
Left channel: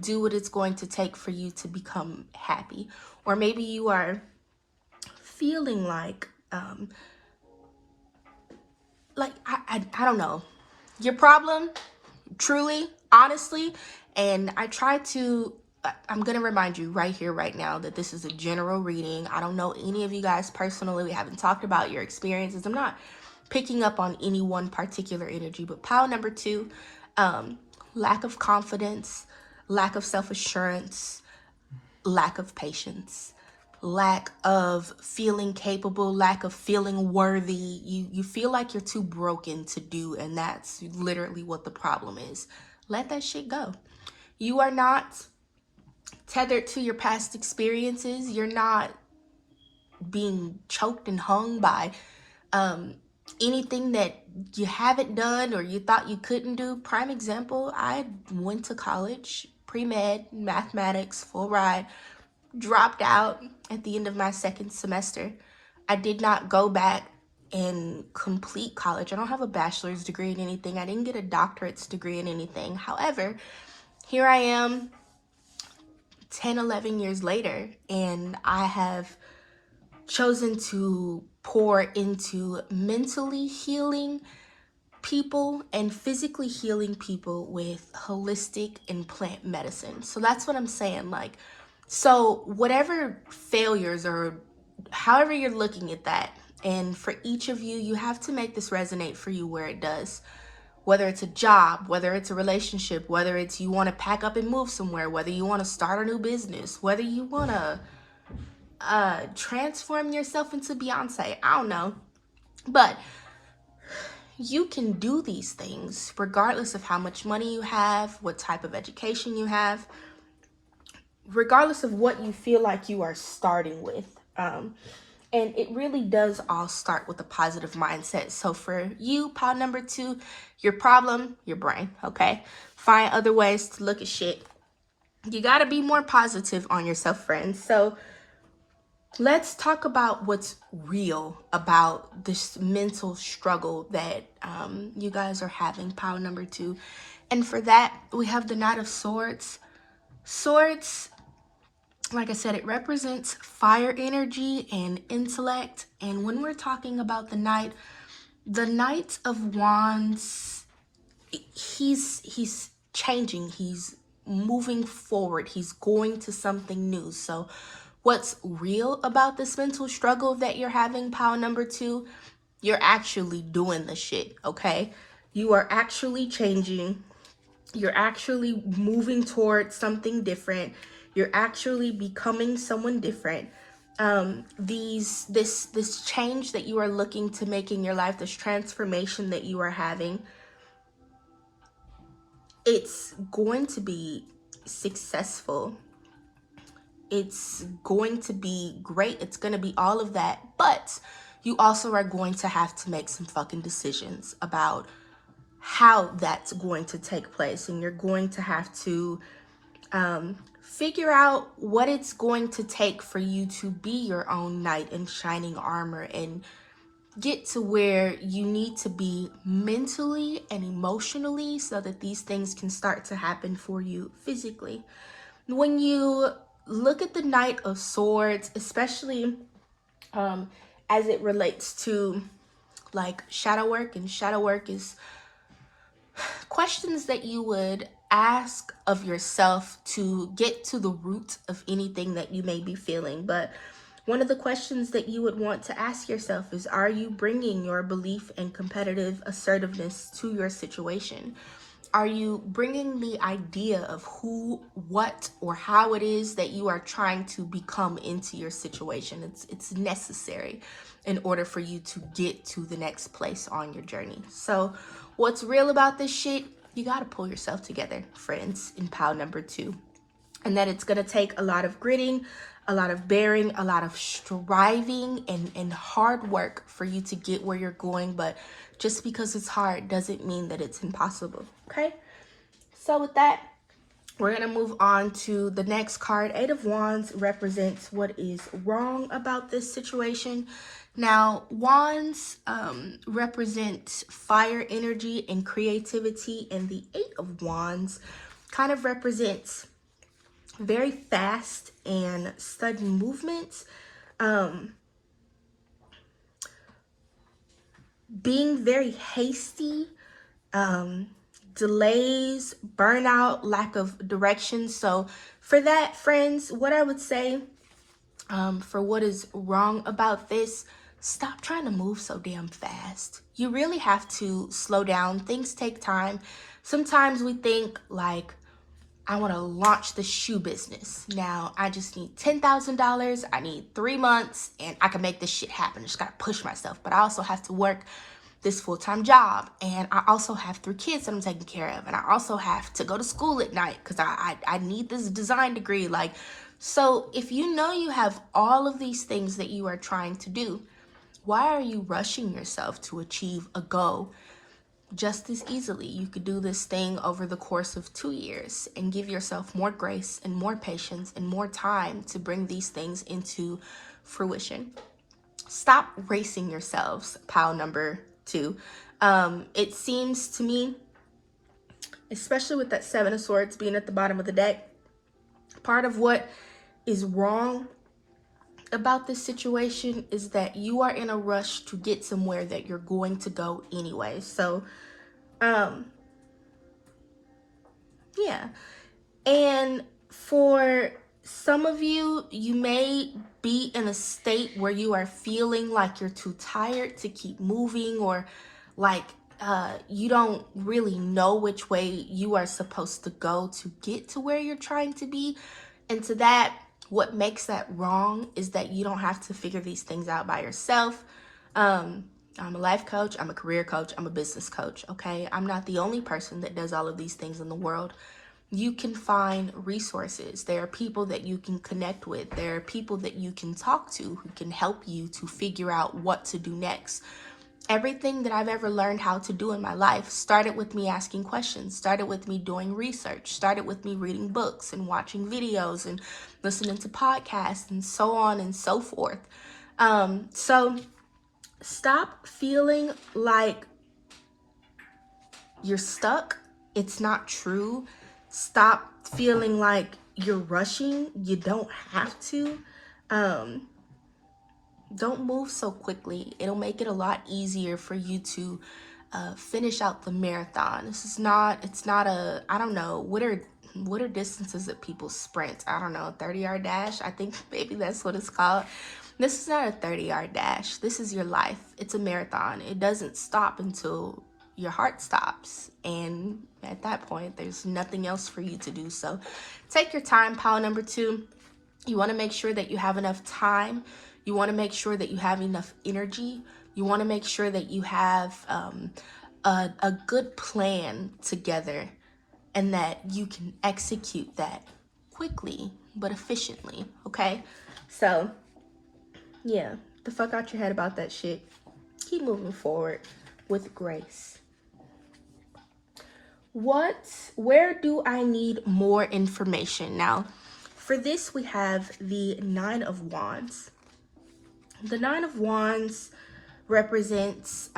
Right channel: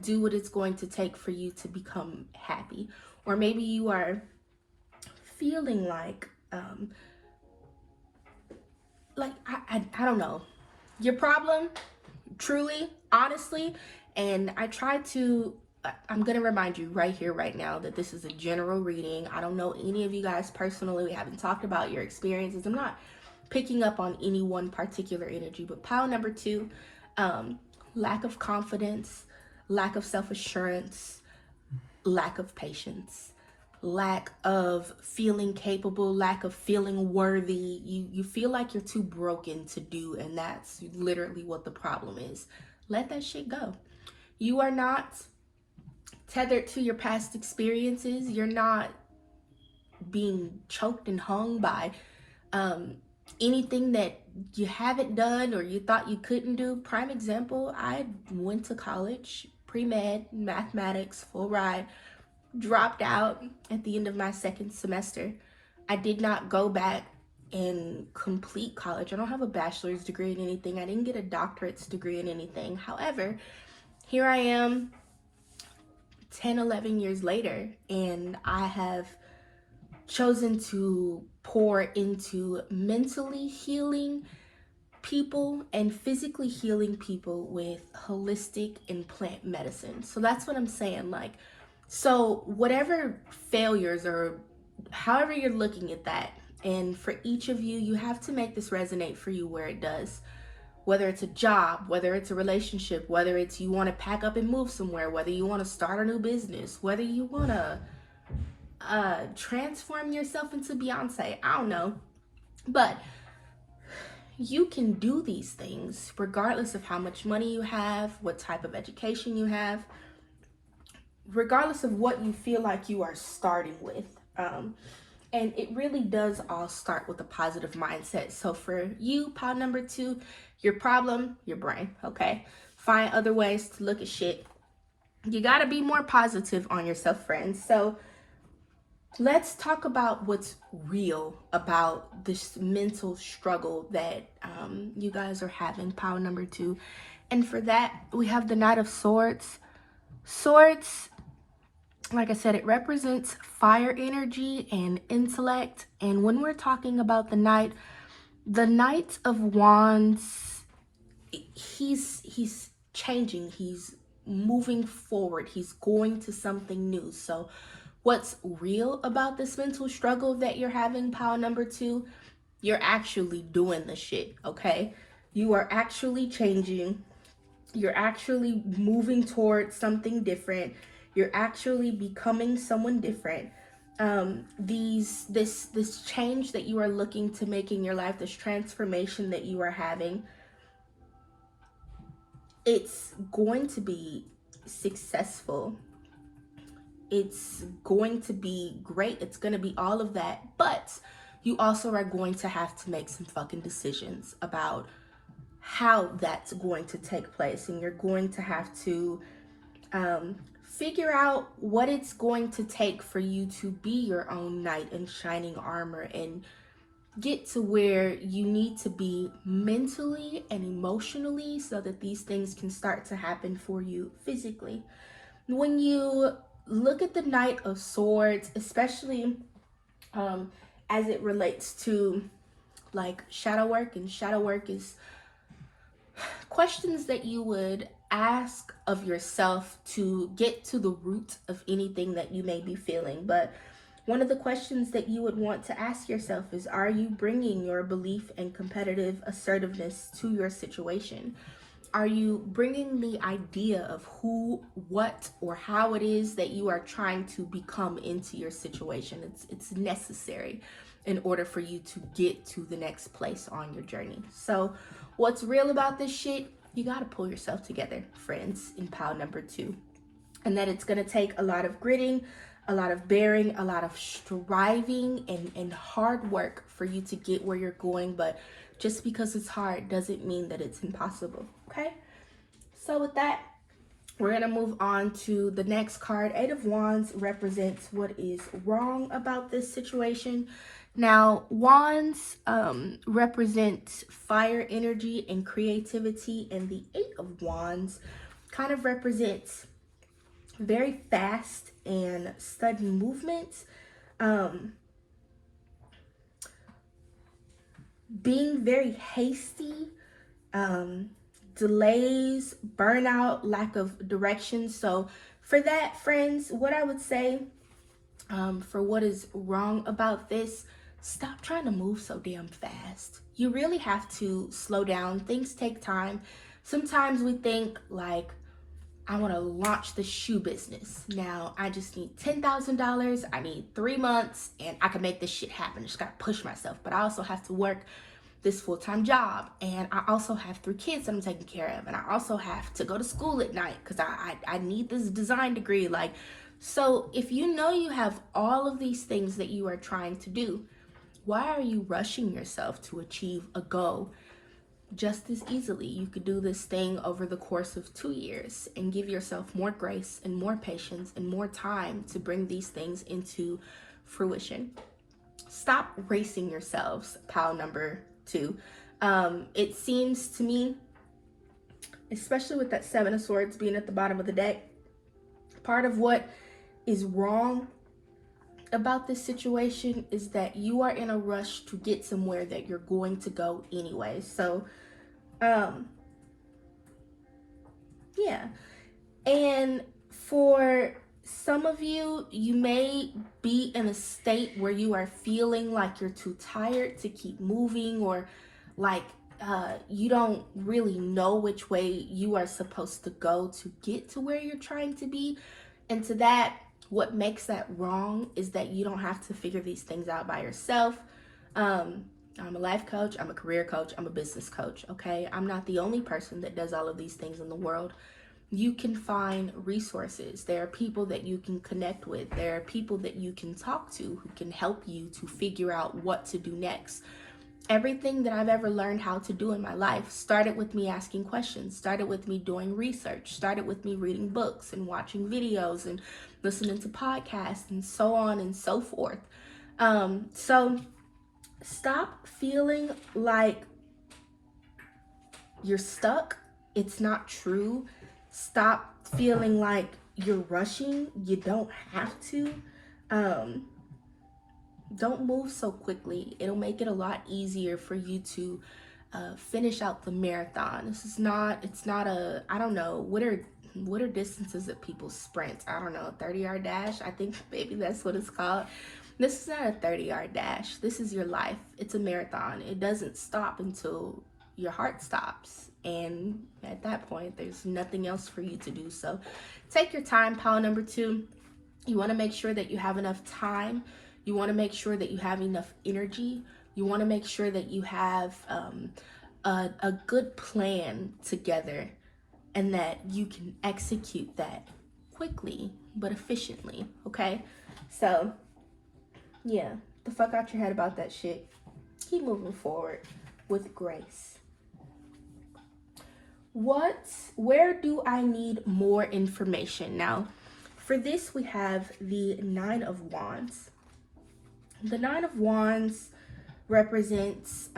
do what it's going to take for you to become happy. Or maybe you are feeling like I don't know, your problem, truly, honestly. And I'm going to remind you right here, right now, that this is a general reading. I don't know any of you guys personally. We haven't talked about your experiences. I'm not picking up on any one particular energy, but pile number 2, lack of confidence, lack of self-assurance, lack of patience, lack of feeling capable, lack of feeling worthy. You feel like you're too broken to do, and that's literally what the problem is. Let that shit go. You are not tethered to your past experiences. You're not being choked and hung by anything that you haven't done or you thought you couldn't do. Prime example, I went to college, pre-med, mathematics, full ride, dropped out at the end of my 2nd semester. I did not go back and complete college. I don't have a bachelor's degree in anything. I didn't get a doctorate's degree in anything. However, here I am 10, 11 years later, and I have chosen to pour into mentally healing people and physically healing people with holistic and plant medicine. So that's what I'm saying. Like, so whatever failures or however you're looking at that, and for each of you, you have to make this resonate for you where it does. Whether it's a job, whether it's a relationship, whether it's you want to pack up and move somewhere, whether you want to start a new business, whether you want to transform yourself into Beyonce, I don't know. But you can do these things regardless of how much money you have, what type of education you have, regardless of what you feel like you are starting with. And it really does all start with a positive mindset. So for you, pile number 2, your problem, your brain, okay? Find other ways to look at shit. You gotta be more positive on yourself, friends. So let's talk about what's real about this mental struggle that you guys are having, pile number 2. And for that, we have the Knight of Swords. Swords, like I said, it represents fire energy and intellect. And when we're talking about the Knight of Wands, he's changing. He's moving forward. He's going to something new. So what's real about this mental struggle that you're having, pile number 2? You're actually doing the shit, okay? You are actually changing. You're actually moving towards something different. You're actually becoming someone different. This change that you are looking to make in your life, this transformation that you are having, it's going to be successful. It's going to be great. It's going to be all of that. But you also are going to have to make some fucking decisions about how that's going to take place. And you're going to have to figure out what it's going to take for you to be your own knight in shining armor and get to where you need to be mentally and emotionally so that these things can start to happen for you physically. When you look at the Knight of Swords, especially as it relates to like shadow work. And shadow work is questions that you would ask of yourself to get to the root of anything that you may be feeling. But one of the questions that you would want to ask yourself is, are you bringing your belief and competitive assertiveness to your situation? Are you bringing the idea of who, what, or how it is that you are trying to become into your situation? It's necessary in order for you to get to the next place on your journey. So what's real about this shit? You got to pull yourself together, friends, in pile number 2. And that it's going to take a lot of gritting, a lot of bearing, a lot of striving and hard work for you to get where you're going. But just because it's hard doesn't mean that it's impossible. Okay? So with that, we're going to move on to the next card. 8 of Wands represents what is wrong about this situation. Now, Wands represents fire energy and creativity, and the 8 of Wands kind of represents very fast and sudden movements, being very hasty, delays, burnout, lack of direction. So for that, friends, what I would say for what is wrong about this, stop trying to move so damn fast. You really have to slow down. Things take time. Sometimes we think like, I want to launch the shoe business. Now, I just need $10,000. I need 3 months and I can make this shit happen. I just got to push myself. But I also have to work this full-time job. And I also have 3 kids that I'm taking care of. And I also have to go to school at night because I need this design degree. Like, so if you know you have all of these things that you are trying to do, why are you rushing yourself to achieve a goal? Just as easily, you could do this thing over the course of 2 years and give yourself more grace and more patience and more time to bring these things into fruition. Stop racing yourselves, pile number 2. It seems to me, especially with that 7 of Swords being at the bottom of the deck, part of what is wrong about this situation is that you are in a rush to get somewhere that you're going to go anyway. So yeah. And for some of you, you may be in a state where you are feeling like you're too tired to keep moving, or like you don't really know which way you are supposed to go to get to where you're trying to be. And to that, what makes that wrong is that you don't have to figure these things out by yourself. I'm a life coach, I'm a career coach, I'm a business coach, okay? I'm not the only person that does all of these things in the world. You can find resources. There are people that you can connect with. There are people that you can talk to who can help you to figure out what to do next. Everything that I've ever learned how to do in my life started with me asking questions, started with me doing research, started with me reading books and watching videos and listening to podcasts and so on and so forth. So stop feeling like you're stuck. It's not true. Stop feeling like you're rushing. You don't have to. Don't move so quickly. It'll make it a lot easier for you to finish out the marathon. It's not a, I don't know, what are distances that people sprint? I don't know, 30-yard dash? I think maybe that's what it's called. This is not a 30-yard dash. This is your life. It's a marathon. It doesn't stop until your heart stops. And at that point, there's nothing else for you to do. So take your time, pile number 2. You want to make sure that you have enough time. You want to make sure that you have enough energy. You want to make sure that you have a good plan together and that you can execute that quickly but efficiently, okay? So, yeah, the fuck out your head about that shit. Keep moving forward with grace. Where do I need more information? Now, for this, we have the 9 of Wands. The 9 of Wands represents,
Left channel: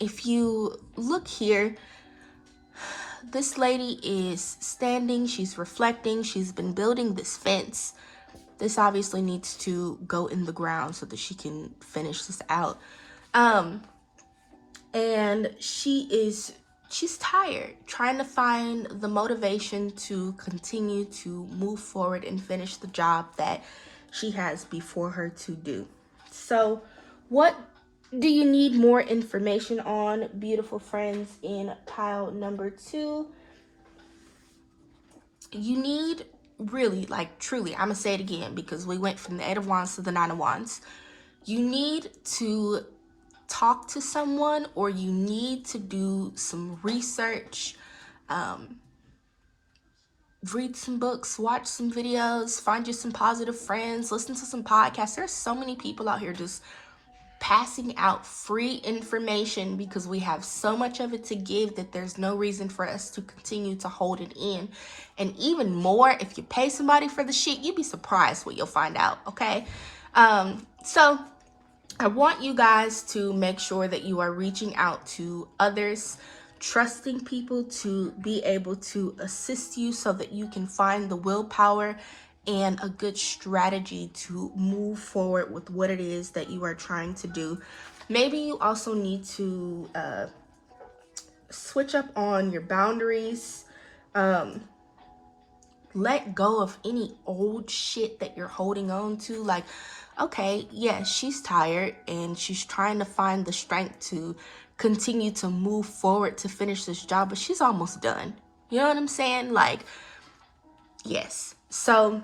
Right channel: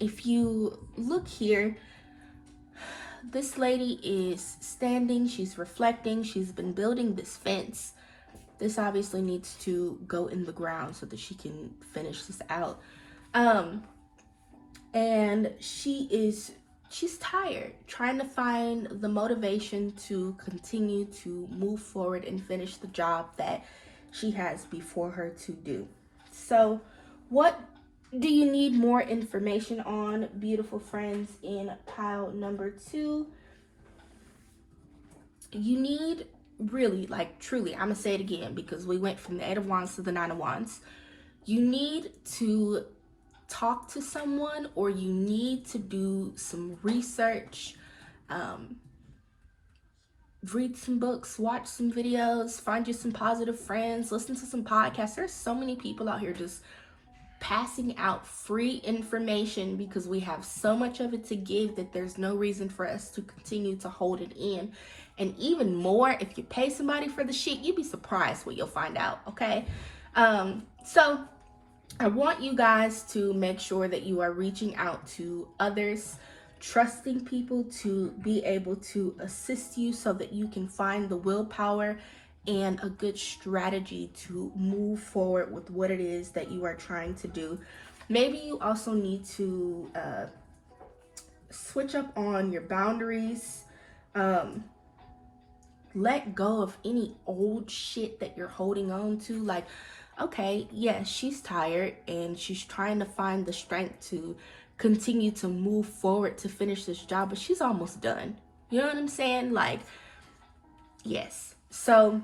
if you look here, this lady is standing, she's reflecting, she's been building this fence this obviously needs to go in the ground so that she can finish this out. And she's tired, trying to find the motivation to continue to move forward and finish the job that she has before her to do. So, what do you need more information on, beautiful friends, in pile number 2? You need, really, like, truly, I'm gonna say it again because we went from the 8 of Wands to the 9 of Wands. You need to talk to someone, or you need to do some research, read some books, watch some videos, find you some positive friends, listen to some podcasts. There's so many people out here just passing out free information because we have so much of it to give that there's no reason for us to continue to hold it in. And even more, if you pay somebody for the shit, you'd be surprised what you'll find out, okay? So I want you guys to make sure that you are reaching out to others, trusting people to be able to assist you so that you can find the willpower and a good strategy to move forward with what it is that you are trying to do. Maybe you also need to switch up on your boundaries. Let go of any old shit that you're holding on to. Like, okay, yeah, she's tired and she's trying to find the strength to continue to move forward to finish this job, but she's almost done. You know what I'm saying? Like, yes. So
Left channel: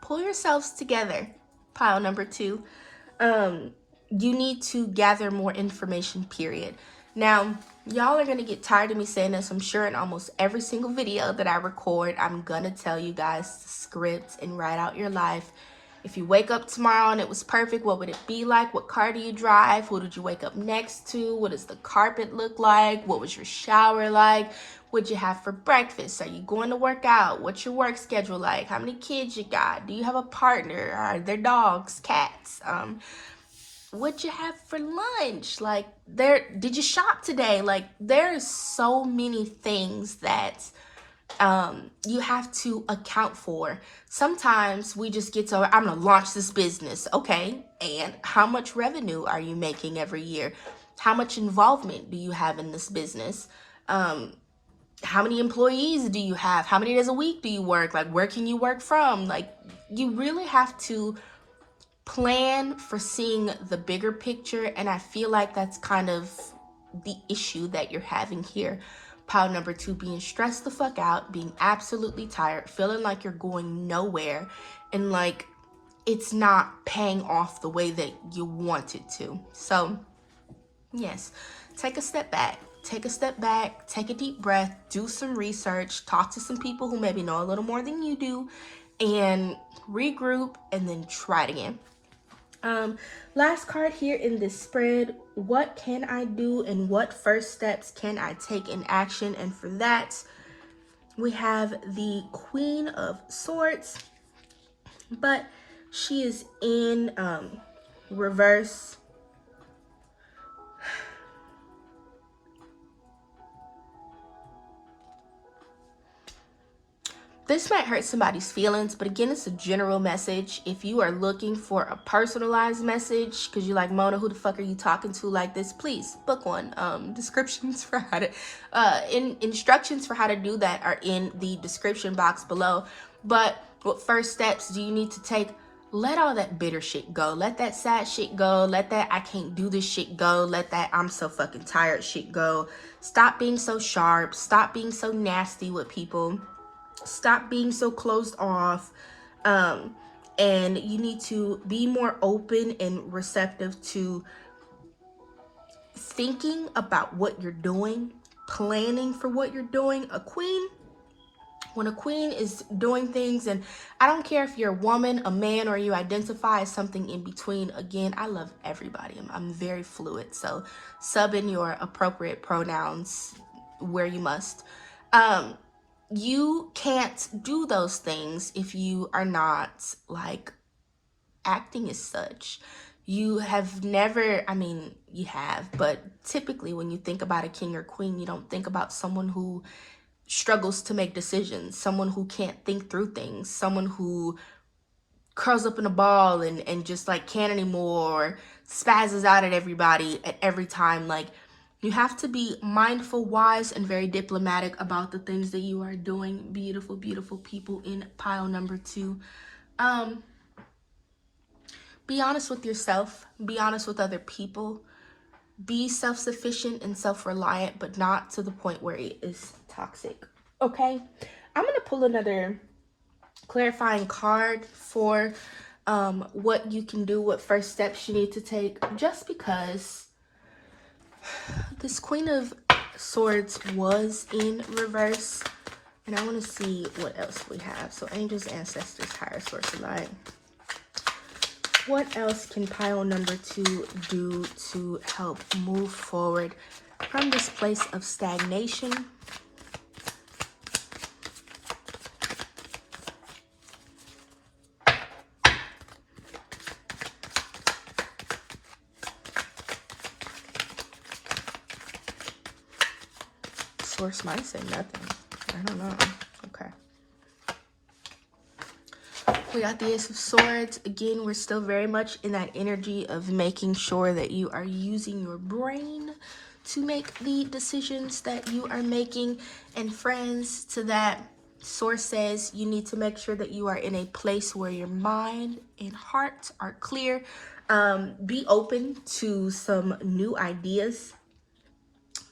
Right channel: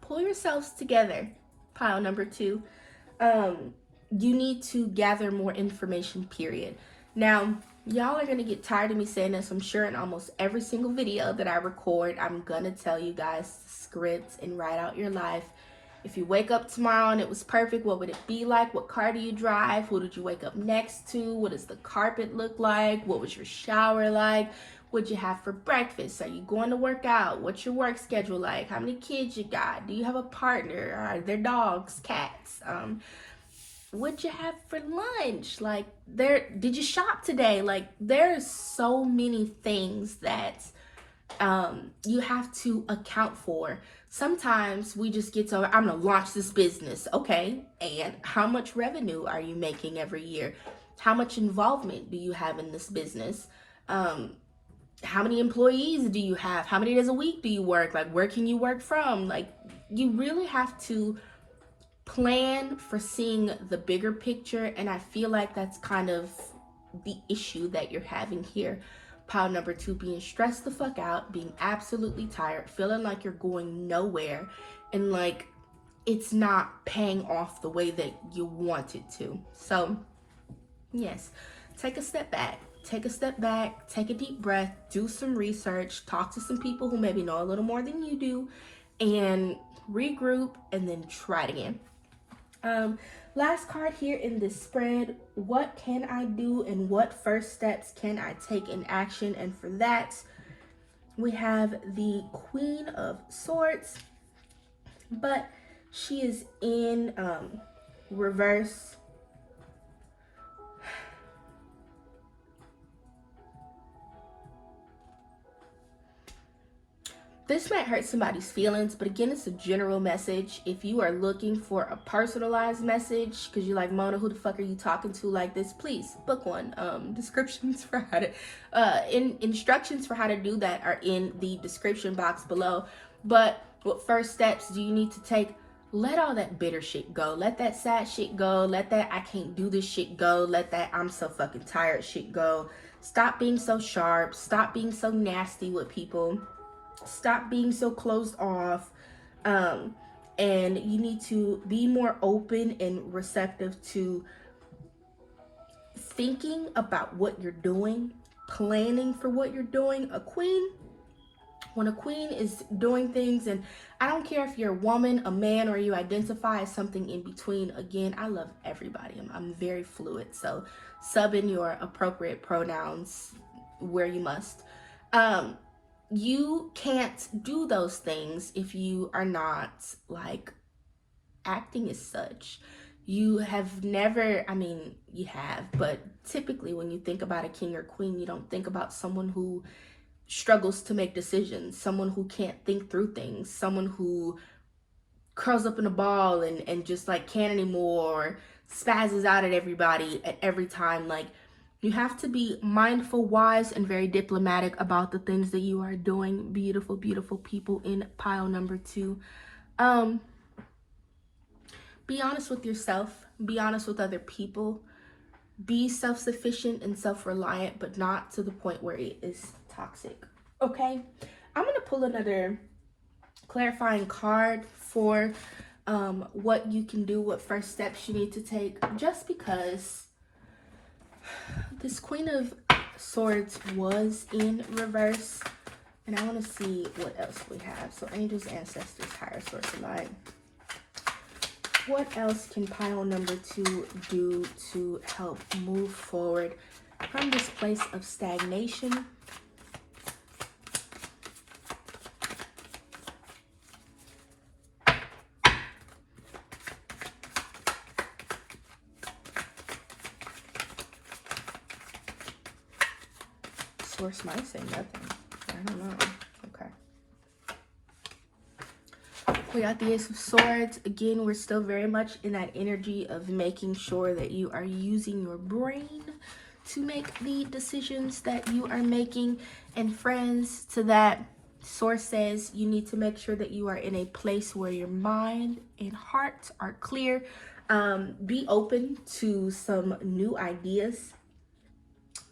pull yourselves together, pile number 2. You need to gather more information, period. Now, y'all are gonna get tired of me saying this. I'm sure in almost every single video that I record, I'm gonna tell you guys to script and write out your life. If you wake up tomorrow and it was perfect, what would it be like? What car do you drive? Who did you wake up next to? What does the carpet look like? What was your shower like? What'd you have for breakfast? Are you going to work out? What's your work schedule like? How many kids you got? Do you have a partner? Are there dogs, cats? What'd you have for lunch? Like, did you shop today? Like, there's so many things that you have to account for. Sometimes we just get to, I'm gonna launch this business. Okay, and how much revenue are you making every year? How much involvement do you have in this business? How many employees do you have? How many days a week do you work? Like, where can you work from? Like, you really have to plan for seeing the bigger picture, and I feel like that's kind of the issue that you're having here. Pile number 2, being stressed the fuck out, being absolutely tired, feeling like you're going nowhere, and like it's not paying off the way that you want it to. So yes, take a step back. Take a step back, take a deep breath, do some research, talk to some people who maybe know a little more than you do, and regroup, and then try it again. Last card here in this spread, what can I do and what first steps can I take in action? And for that, we have the Queen of Swords, but she is in reverse. This might hurt somebody's feelings, but again, it's a general message. If you are looking for a personalized message, because you're like, Mona, who the fuck are you talking to like this? Please book one. Descriptions for how to, instructions for how to do that are in the description box below. But what first steps do you need to take? Let all that bitter shit go. Let that sad shit go. Let that I can't do this shit go. Let that I'm so fucking tired shit go. Stop being so sharp. Stop being so nasty with people. Stop being so closed off, and you need to be more open and receptive to thinking about what you're doing, planning for what you're doing. When a queen is doing things, and I don't care if you're a woman, a man, or you identify as something in between. Again, I love everybody. I'm very fluid, so sub in your appropriate pronouns where you must. You can't do those things if you are not like acting as such. You have never, I mean, you have, but typically when you think about a king or queen, you don't think about someone who struggles to make decisions, someone who can't think through things, someone who curls up in a ball and just like can't anymore, or spazzes out at everybody at every time. Like, you have to be mindful, wise, and very diplomatic about the things that you are doing, beautiful, beautiful people in pile number 2. Be honest with yourself, be honest with other people, be self-sufficient and self-reliant, but not to the point where it is toxic. Okay, I'm gonna pull another clarifying card for what you can do, what first steps you need to take, just because this Queen of Swords was in reverse, and I want to see what else we have. So angels, ancestors, higher source of light. What else can pile number 2 do to help move forward from this place of stagnation? Source might say nothing. I don't know. Okay. We got the Ace of Swords. Again, we're still very much in that energy of making sure that you are using your brain to make the decisions that you are making. And friends, to that, Source says you need to make sure that you are in a place where your mind and heart are clear. Be open to some new ideas.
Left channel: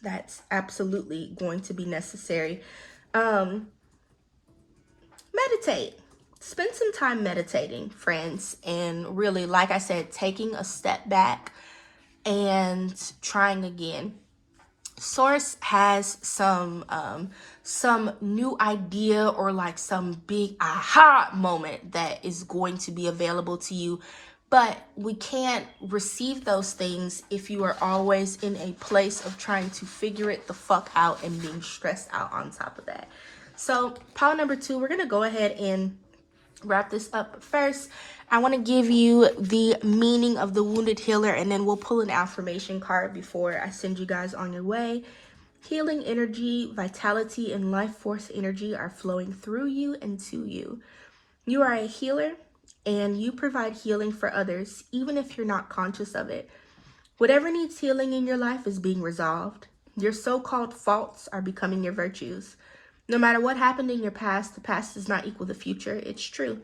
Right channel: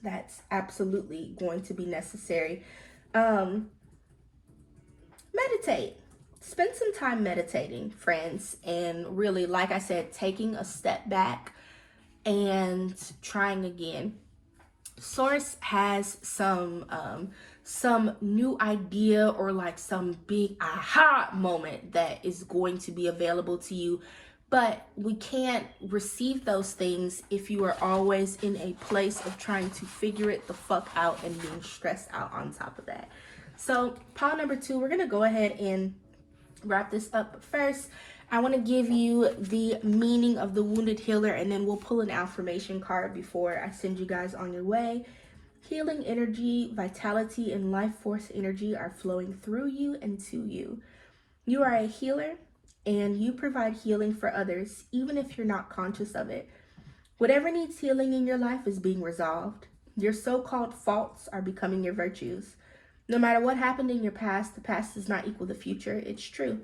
That's absolutely going to be necessary. Meditate. Spend some time meditating, friends, and really, like I said, taking a step back and trying again. Source has some new idea or like some big aha moment that is going to be available to you, but we can't receive those things if you are always in a place of trying to figure it the fuck out and being stressed out on top of that. So pile number 2, we're gonna go ahead and wrap this up. First, I want to give you the meaning of the wounded healer, and then we'll pull an affirmation card before I send you guys on your way. Healing energy, vitality, and life force energy are flowing through you and to you. You are a healer, and you provide healing for others, even if you're not conscious of it. Whatever needs healing in your life is being resolved. Your so-called faults are becoming your virtues. No matter what happened in your past, the past does not equal the future. It's true.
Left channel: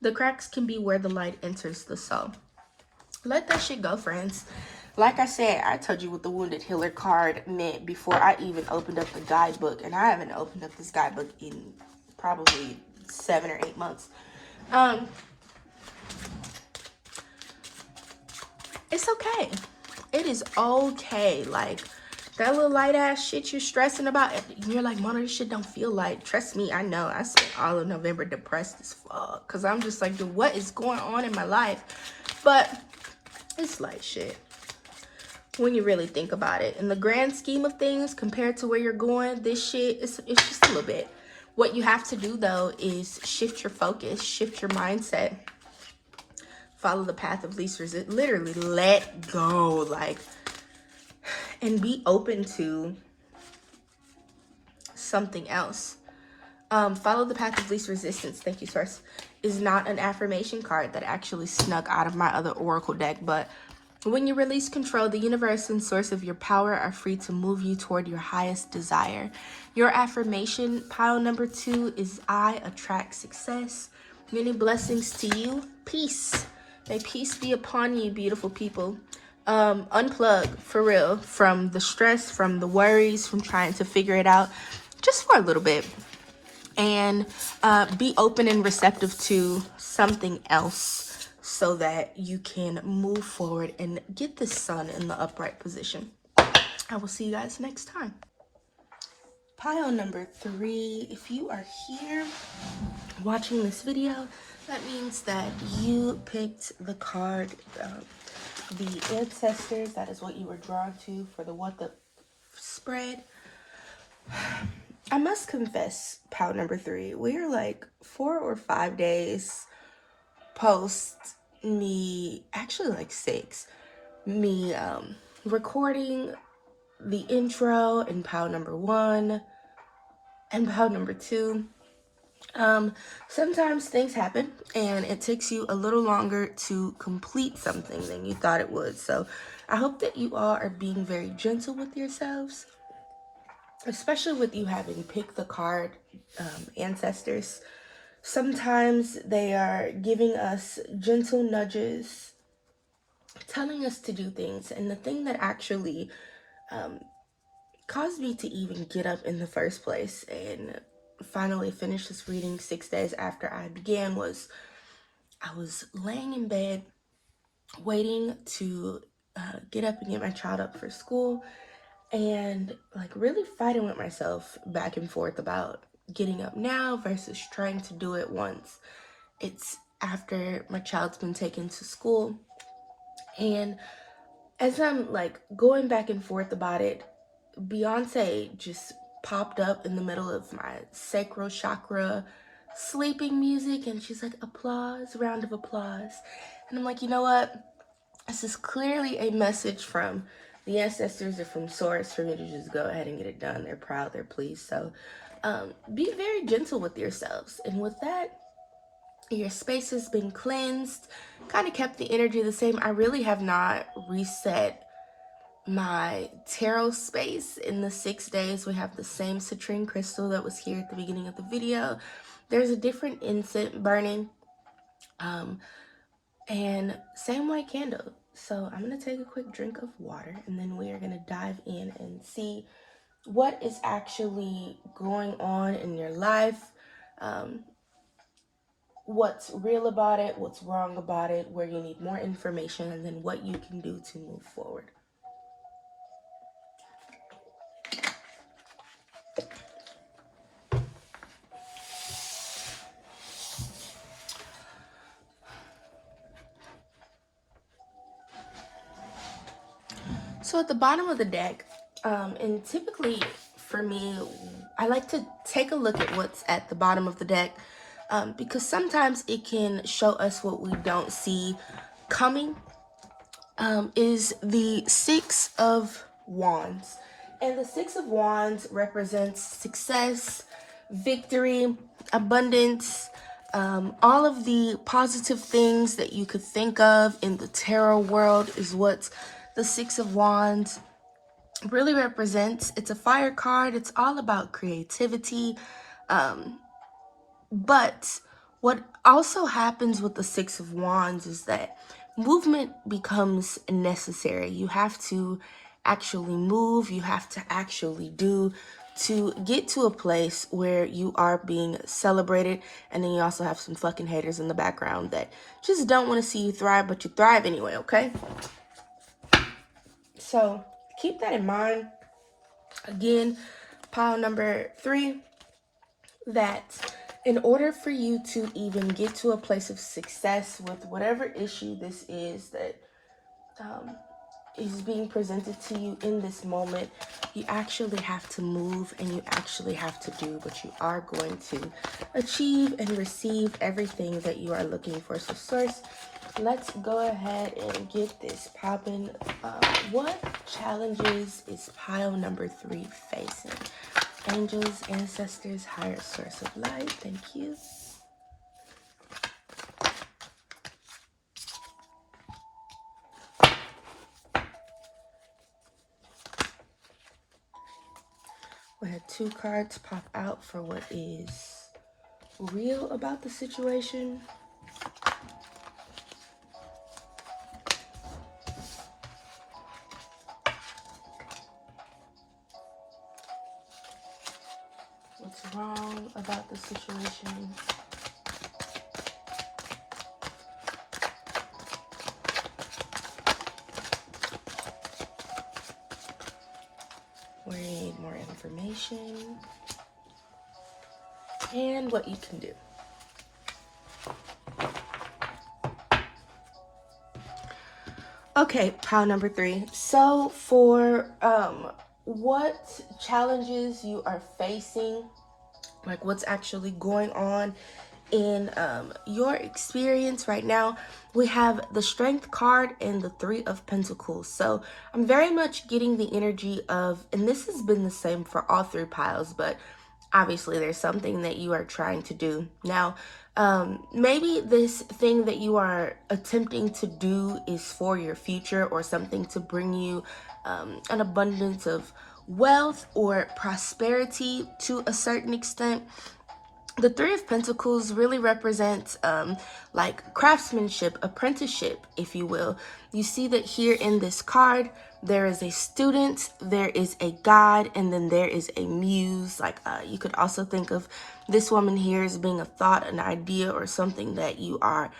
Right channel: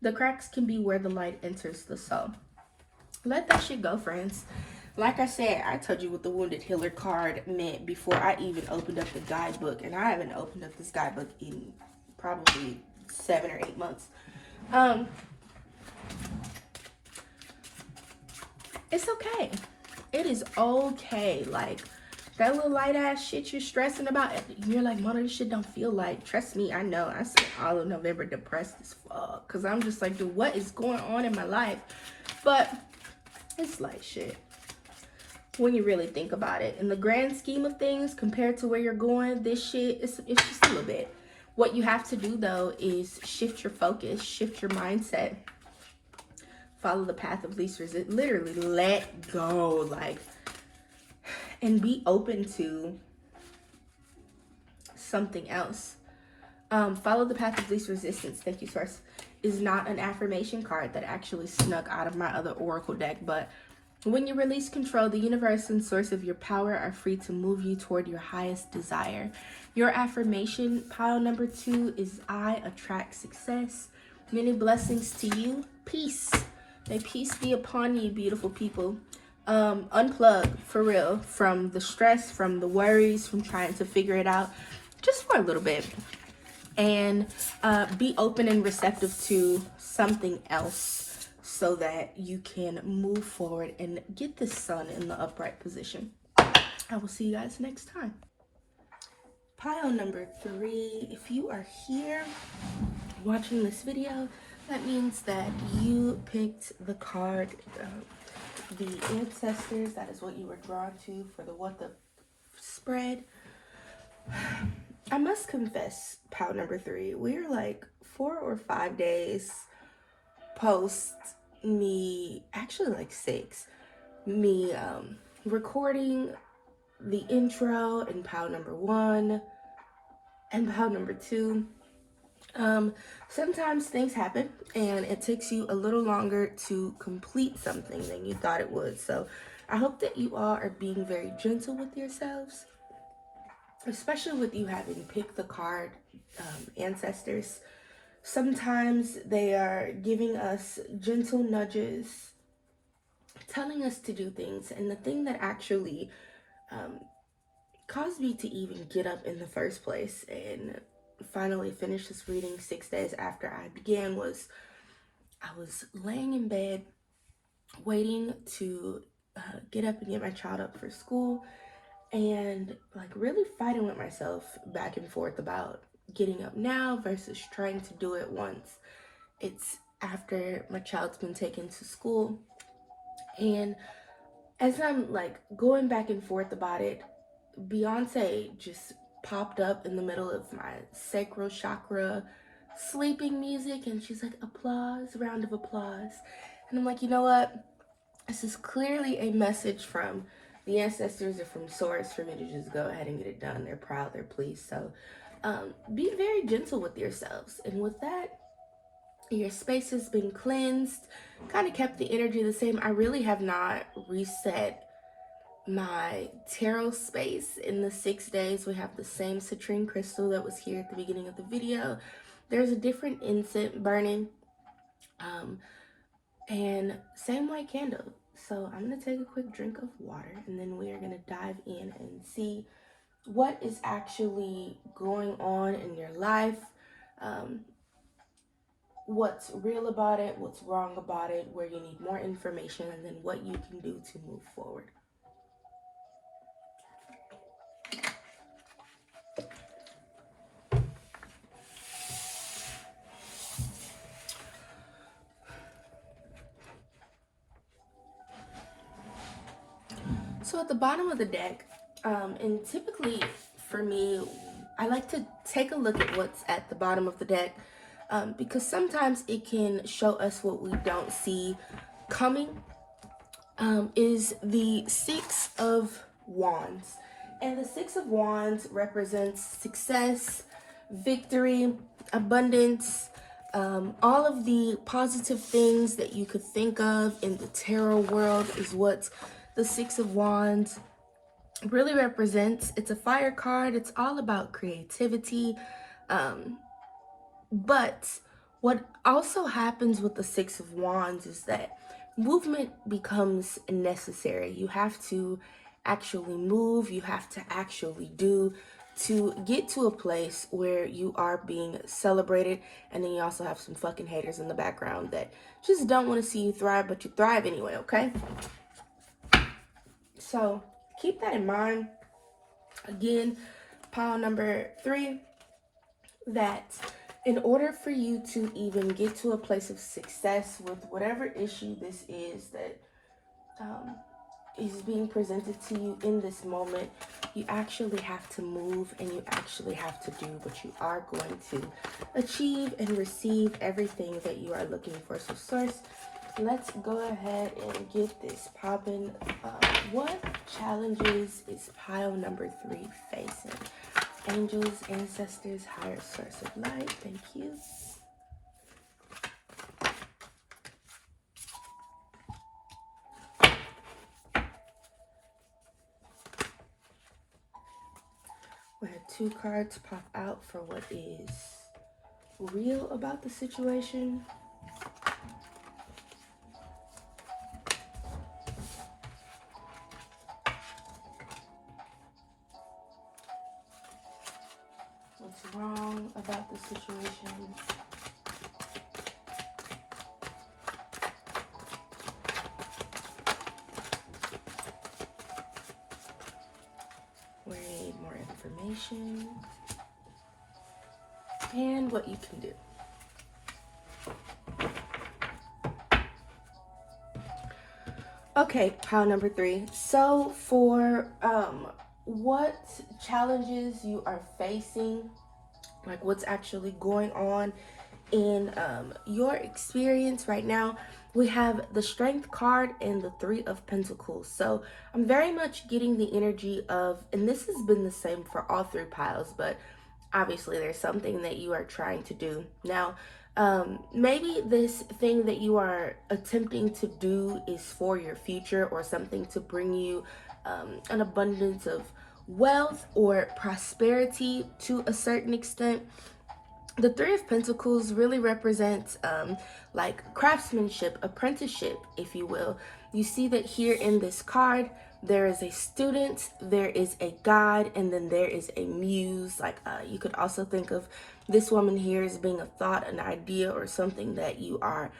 The cracks can be where the light enters the soul. Let that shit go, friends. Like I said, I told you what the Wounded Healer card meant before I even opened up the guidebook. And I haven't opened up this guidebook in probably 7 or 8 months. It's okay. It is okay. Like, that little light ass shit you're stressing about, and you're like, Mona, this shit don't feel light. Trust me, I know. I spent all of November depressed as fuck, because I'm just like, dude, what is going on in my life? But it's light shit when you really think about it. In the grand scheme of things, compared to where you're going, this shit, it's just a little bit. What you have to do, though, is shift your focus, shift your mindset, follow the path of least resistance. Literally, let go, like, and be open to something else. Follow the path of least resistance, thank you, Source, is not an affirmation card that actually snuck out of my other oracle deck, but when you release control, the universe and source of your power are free to move you toward your highest desire. Your affirmation, pile number 2, is I attract success. Many blessings to you. Peace. May peace be upon you, beautiful people. Unplug, for real, from the stress, from the worries, from trying to figure it out, just for a little bit. And be open and receptive to something else, so that you can move forward and get the sun in the upright position. I will see you guys next time. Pile number 3, if you are here watching this video, that means that you picked the card, the ancestors. That is what you were drawn to for the What the spread. I must confess, pile number 3, we're like 4 or 5 days post me, actually like 6, me recording the intro in pile number 1, And pile number 2, sometimes things happen and it takes you a little longer to complete something than you thought it would. So I hope that you all are being very gentle with yourselves, especially with you having picked the card, ancestors. Sometimes they are giving us gentle nudges, telling us to do things. And the thing that actually um, caused me to even get up in the first place and finally finish this reading 6 days after I began was I was laying in bed waiting to get up and get my child up for school, and like really fighting with myself back and forth about getting up now versus trying to do it once it's after my child's been taken to school. And as I'm like going back and forth about it, Beyonce just popped up in the middle of my sacral chakra sleeping music, and she's like, applause, round of applause. And I'm like, you know what? This is clearly a message from the ancestors or from source for me to just go ahead and get it done. They're proud, they're pleased. So be very gentle with yourselves. And with that, your space has been cleansed, kind of kept the energy the same. I really have not reset my tarot space in the 6 days. We have the same citrine crystal that was here at the beginning of the video. There's a different incense burning, and same white candle. So I'm gonna take a quick drink of water, and then we are gonna dive in and see what is actually going on in your life, um, what's real about it, what's wrong about it, where you need more information, and then what you can do to move forward. So at the bottom of the deck, and typically for me, I like to take a look at what's at the bottom of the deck, because sometimes it can show us what we don't see coming, is the Six of Wands. And the Six of Wands represents success, victory, abundance, all of the positive things that you could think of in the tarot world is what the Six of Wands really represents. It's a fire card. It's all about creativity. But what also happens with the Six of Wands is that movement becomes necessary. You have to actually move, you have to actually do to get to a place where you are being celebrated. And then you also have some fucking haters in the background that just don't want to see you thrive, but you thrive anyway, okay? So keep that in mind. Again, pile number 3, that in order for you to even get to a place of success with whatever issue this is that is being presented to you in this moment, you actually have to move and you actually have to do what you are going to achieve and receive everything that you are looking for. So source, let's go ahead and get this popping. What challenges is pile number 3 facing? Angels, ancestors, higher source of light, thank you. We had 2 cards pop out for what is real about the situation. What's wrong about the situation? We need more information. And what you can do. Okay, pile number 3. So for what challenges you are facing, like what's actually going on in your experience right now, we have the Strength card and the 3 of Pentacles. So I'm very much getting the energy of, and this has been the same for all 3 piles, but obviously there's something that you are trying to do. Now, maybe this thing that you are attempting to do is for your future or something to bring you an abundance of wealth or prosperity to a certain extent. The Three of Pentacles really represents like craftsmanship, apprenticeship, if you will. You see that here in this card, there is a student, there is a guide, and then there is a muse. Like you could also think of this woman here as being a thought, an idea, or something that you are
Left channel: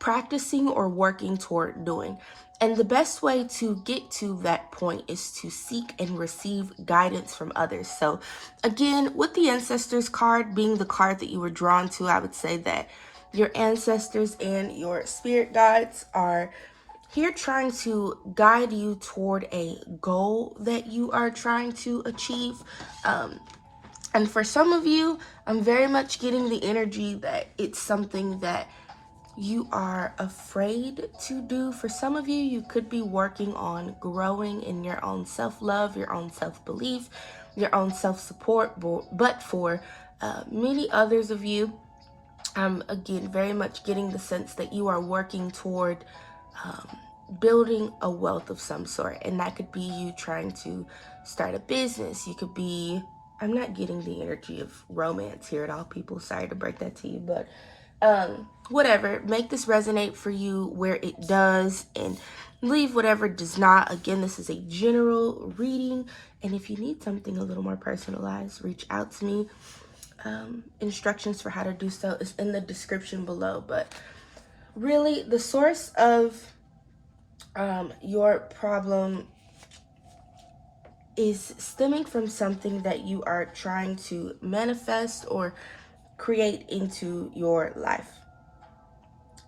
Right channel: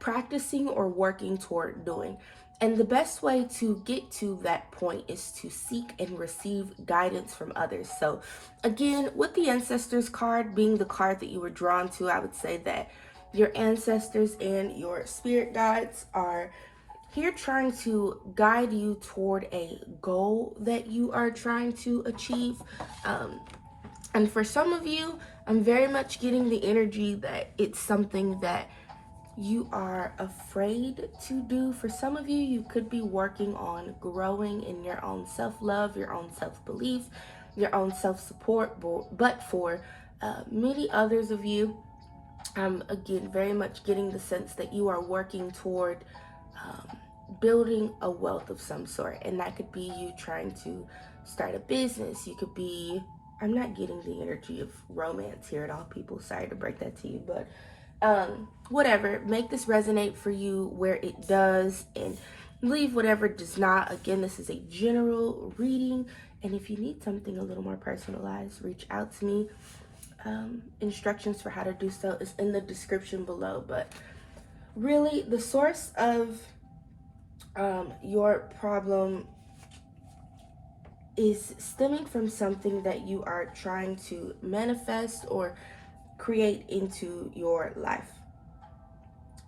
practicing or working toward doing. And the best way to get to that point is to seek and receive guidance from others. So again, with the ancestors card being the card that you were drawn to, I would say that your ancestors and your spirit guides are here trying to guide you toward a goal that you are trying to achieve. And for some of you, I'm very much getting the energy that it's something that you are afraid to do. For some of you, you could be working on growing in your own self-love, your own self-belief, your own self-support. But for many others of you, I'm again very much getting the sense that you are working toward building a wealth of some sort. And that could be you trying to start a business. You could be, I'm not getting the energy of romance here at all, people. Sorry to break that to you, but whatever, make this resonate for you where it does and leave whatever does not. Again, this is a general reading, and if you need something a little more personalized, reach out to me. Instructions for how to do so is in the description below. But really, the source of your problem is stemming from something that you are trying to manifest or create into your life.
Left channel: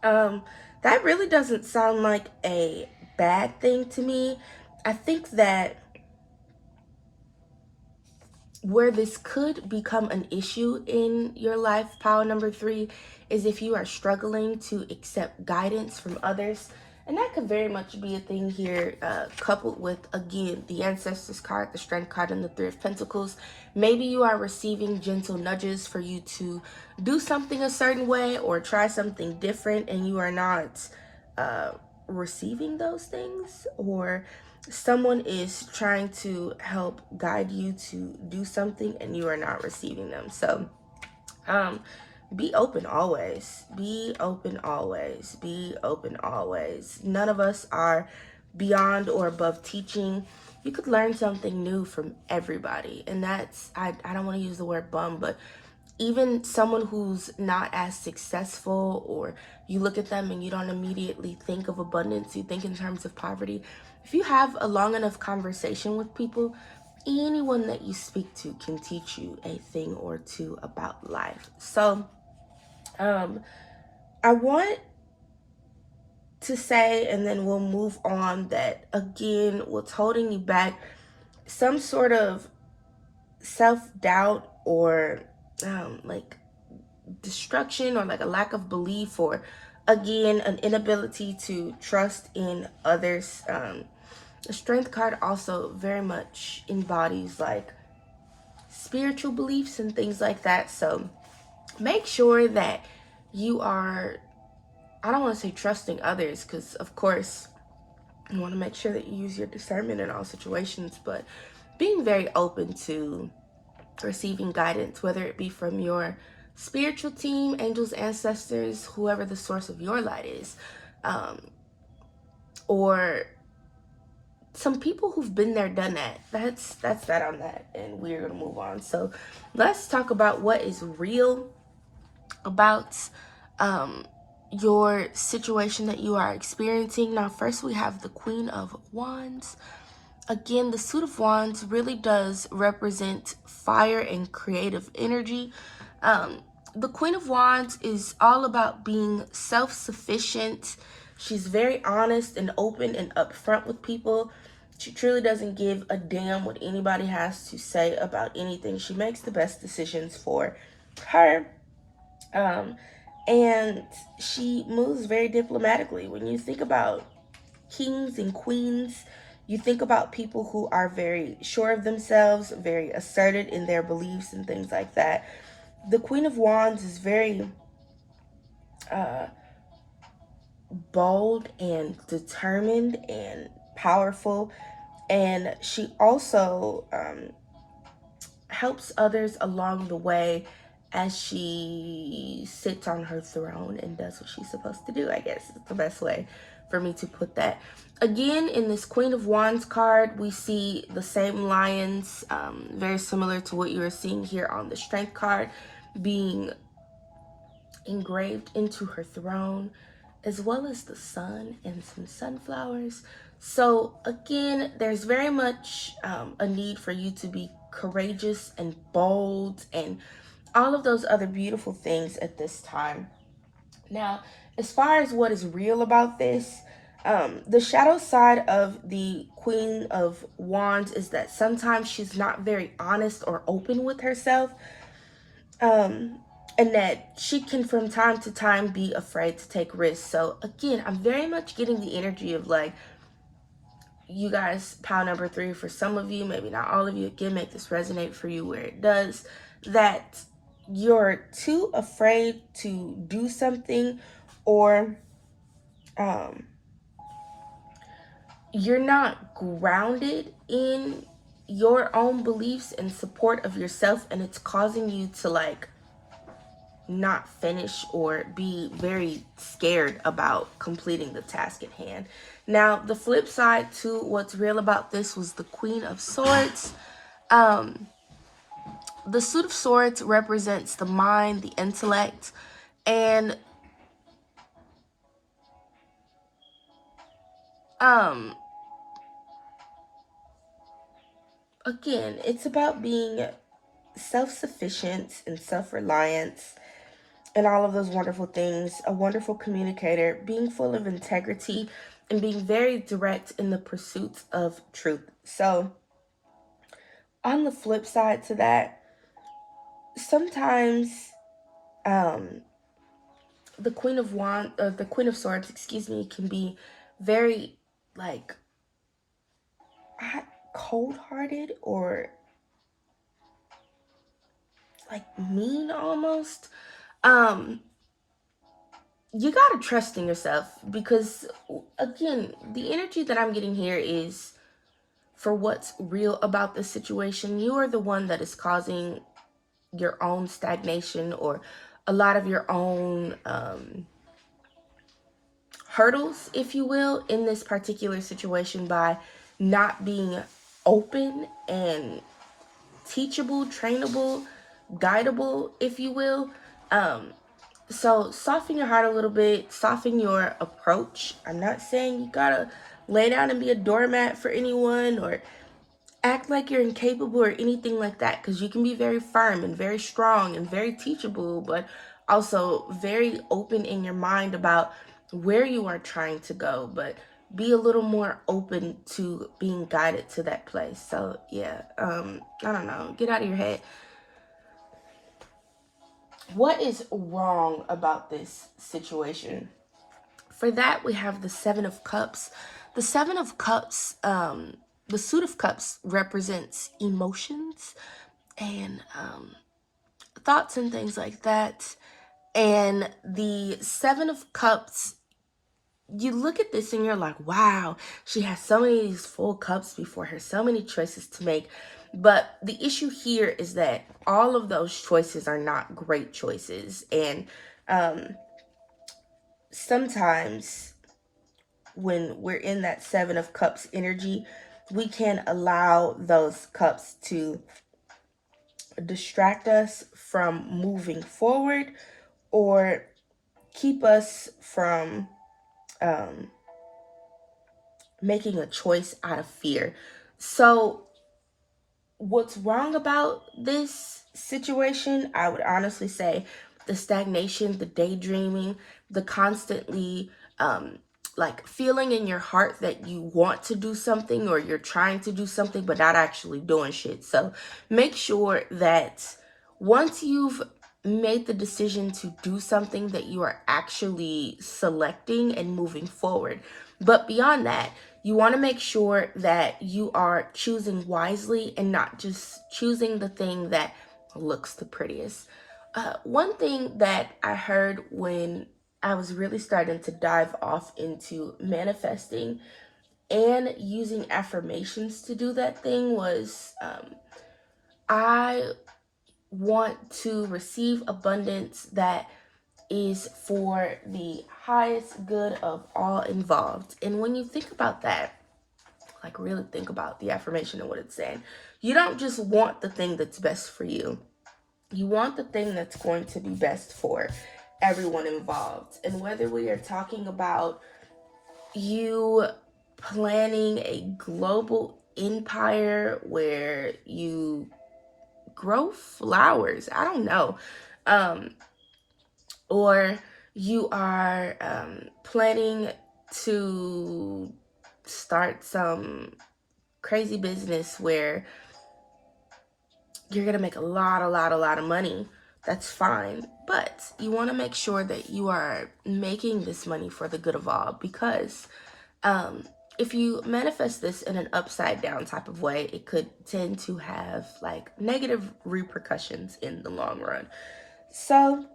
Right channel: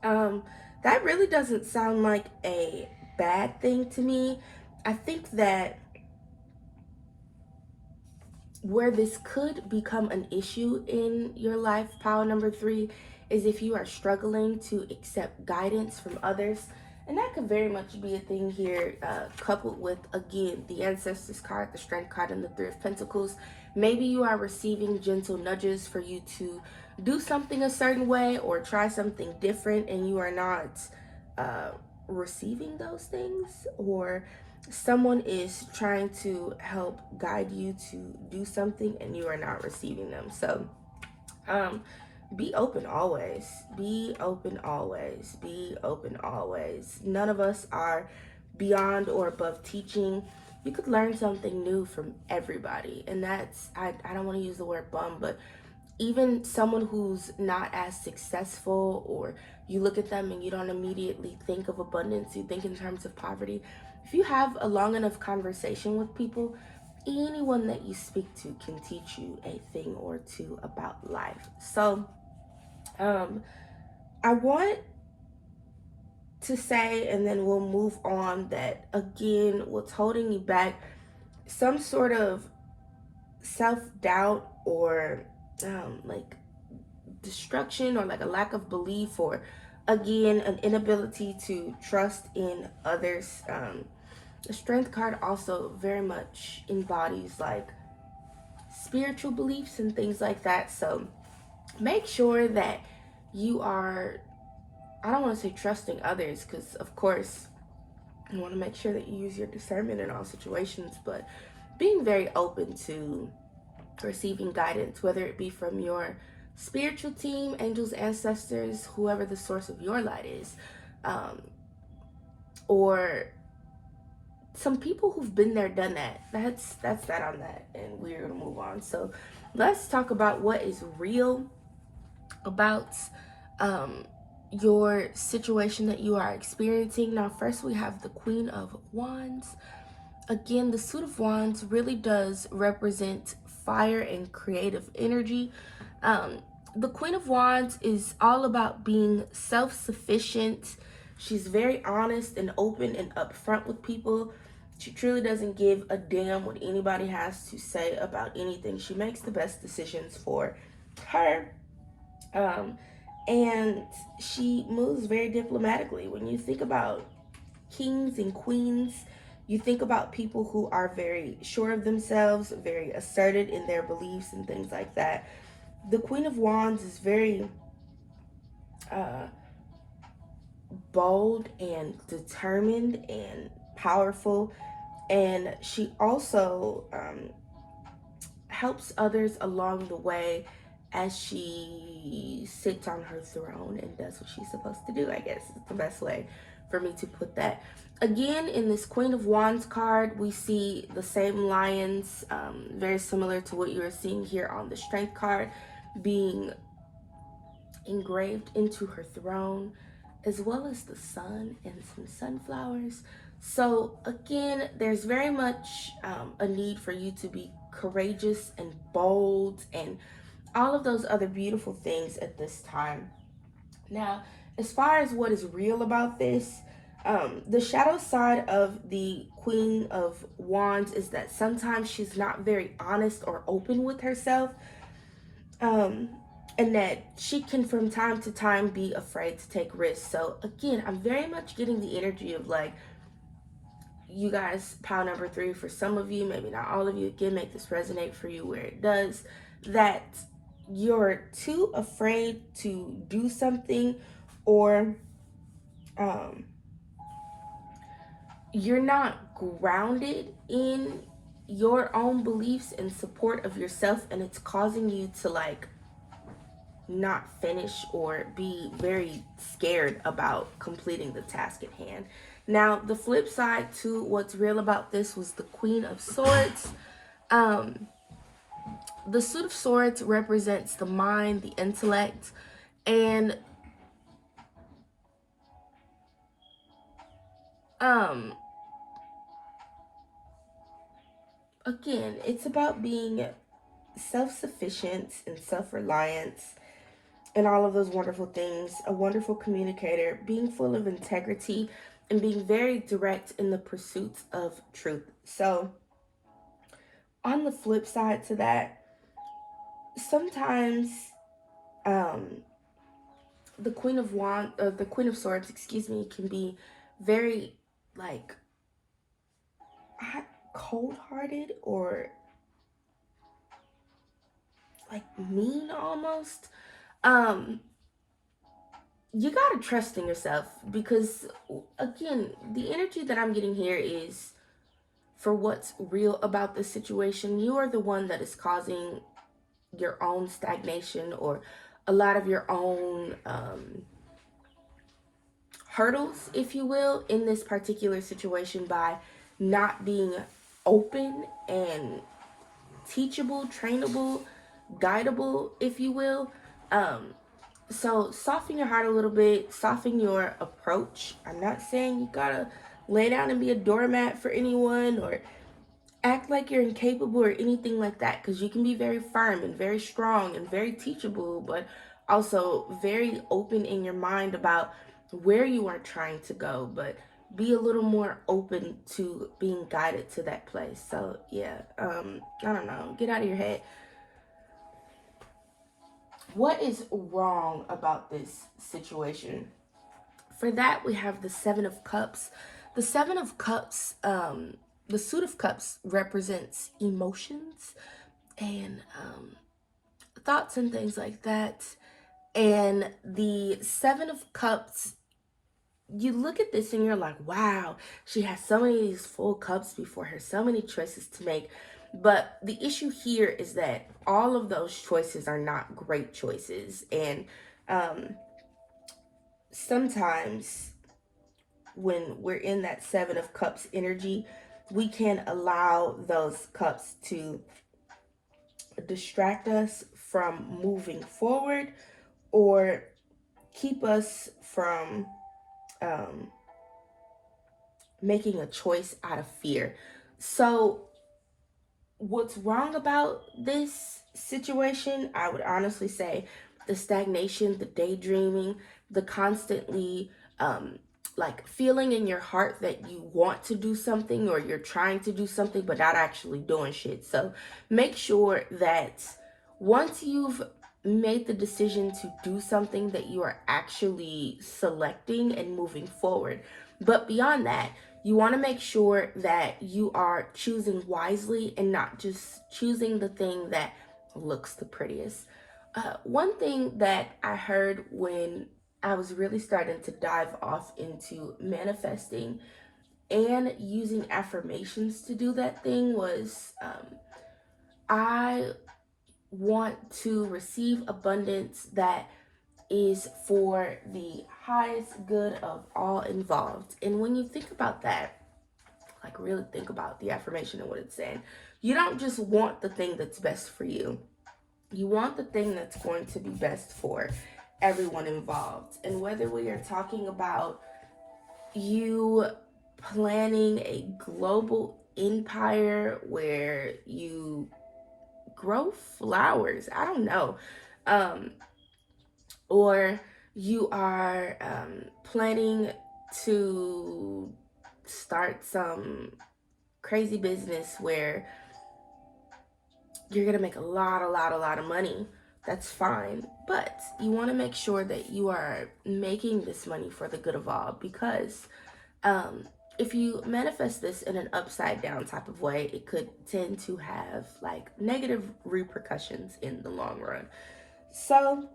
That really doesn't sound like a bad thing to me. I think that where this could become an issue in your life, pile number 3, is if you are struggling to accept guidance from others. And that could very much be a thing here, coupled with, again, the Ancestors card, the Strength card, and the Three of Pentacles. Maybe you are receiving gentle nudges for you to do something a certain way or try something different, and you are not receiving those things, or someone is trying to help guide you to do something and you are not receiving them. So be open always. Be open always. Be open always. None of us are beyond or above teaching. You could learn something new from everybody. And that's, I don't want to use the word bum, but even someone who's not as successful, or you look at them and you don't immediately think of abundance, you think in terms of poverty. If you have a long enough conversation with people, anyone that you speak to can teach you a thing or two about life. So I want to say, and then we'll move on, that again, what's holding you back, some sort of self-doubt or like destruction, or like a lack of belief, or again an inability to trust in others. The Strength card also very much embodies like spiritual beliefs and things like that. So make sure that you are, I don't want to say trusting others, because of course you want to make sure that you use your discernment in all situations, but being very open to receiving guidance, whether it be from your spiritual team, angels, ancestors, whoever the source of your light is, or some people who've been there, done that. That's that on that, and we're gonna move on. So let's talk about what is real about your situation that you are experiencing. Now, first we have the Queen of Wands. Again, the suit of wands really does represent fire and creative energy. The Queen of Wands is all about being self-sufficient. She's very honest and open and upfront with people. She truly doesn't give a damn what anybody has to say about anything. She makes the best decisions for her. And she moves very diplomatically. When you think about kings and queens, You think about people who are very sure of themselves, very asserted in their beliefs and things like that. The Queen of Wands is very uh, bold and determined and powerful, and she also helps others along the way as she sits on her throne and does what she's supposed to do, I guess is the best way for me to put that. Again, in this Queen of Wands card, we see the same lions, very similar to what you're seeing here on the Strength card, being engraved into her throne, as well as the sun and some sunflowers. So again, there's very much a need for you to be courageous and bold and all of those other beautiful things at this time. Now, as far as what is real about this, the shadow side of the Queen of Wands is that sometimes she's not very honest or open with herself. And that she can from time to time be afraid to take risks. So again, I'm very much getting the energy of like, you guys, pile number 3 for some of you, maybe not all of you. Again, make this resonate for you where it does, that you're too afraid to do something, or you're not grounded in your own beliefs and support of yourself, and it's causing you to like not finish or be very scared about completing the task at hand. Now, the flip side to what's real about this was the Queen of Swords. The Suit of Swords represents the mind, the intellect, and again, it's about being self-sufficient and self-reliance and all of those wonderful things. A wonderful communicator, being full of integrity, and being very direct in the pursuits of truth. So, on the flip side to that, sometimes the the Queen of Swords, excuse me, can be very like cold-hearted or like mean almost. You gotta trust in yourself, because again, the energy that I'm getting here is for what's real about the situation. You are the one that is causing your own stagnation or a lot of your own hurdles, if you will, in this particular situation by not being open and teachable, trainable, guidable, if you will. So soften your heart a little bit, soften your approach. I'm not saying you gotta lay down and be a doormat for anyone or act like you're incapable or anything like that, because you can be very firm and very strong and very teachable, but also very open in your mind about where you are trying to go, but be a little more open to being guided to that place. So yeah, I don't know, get out of your head. What is wrong about this situation? For that, we have the Seven of Cups. The Seven of Cups, the Suit of Cups represents emotions and thoughts and things like that. And the Seven of Cups, you look at this and you're like, wow, she has so many of these full cups before her, so many choices to make. But the issue here is that all of those choices are not great choices. And sometimes when we're in that Seven of Cups energy, we can allow those cups to distract us from moving forward or keep us from making a choice out of fear. So what's wrong about this situation? I would honestly say the stagnation, the daydreaming, the constantly like feeling in your heart that you want to do something or you're trying to do something but not actually doing shit. So make sure that once you've made the decision to do something, that you are actually selecting and moving forward. But beyond that, You want to make sure that you are choosing wisely and not just choosing the thing that looks the prettiest. One thing that I heard when I was really starting to dive off into manifesting and using affirmations to do that thing was I want to receive abundance that is for the highest good of all involved. And when you think about that, like really think about the affirmation and what it's saying, you don't just want the thing that's best for you. You want the thing that's going to be best for everyone involved. And whether we are talking about you planning a global empire where you grow flowers, I don't know, um, or you are planning to start some crazy business where you're gonna make a lot of money, that's fine. But you want to make sure that you are making this money for the good of all, because if you manifest this in an upside down type of way, it could tend to have like negative repercussions in the long run. So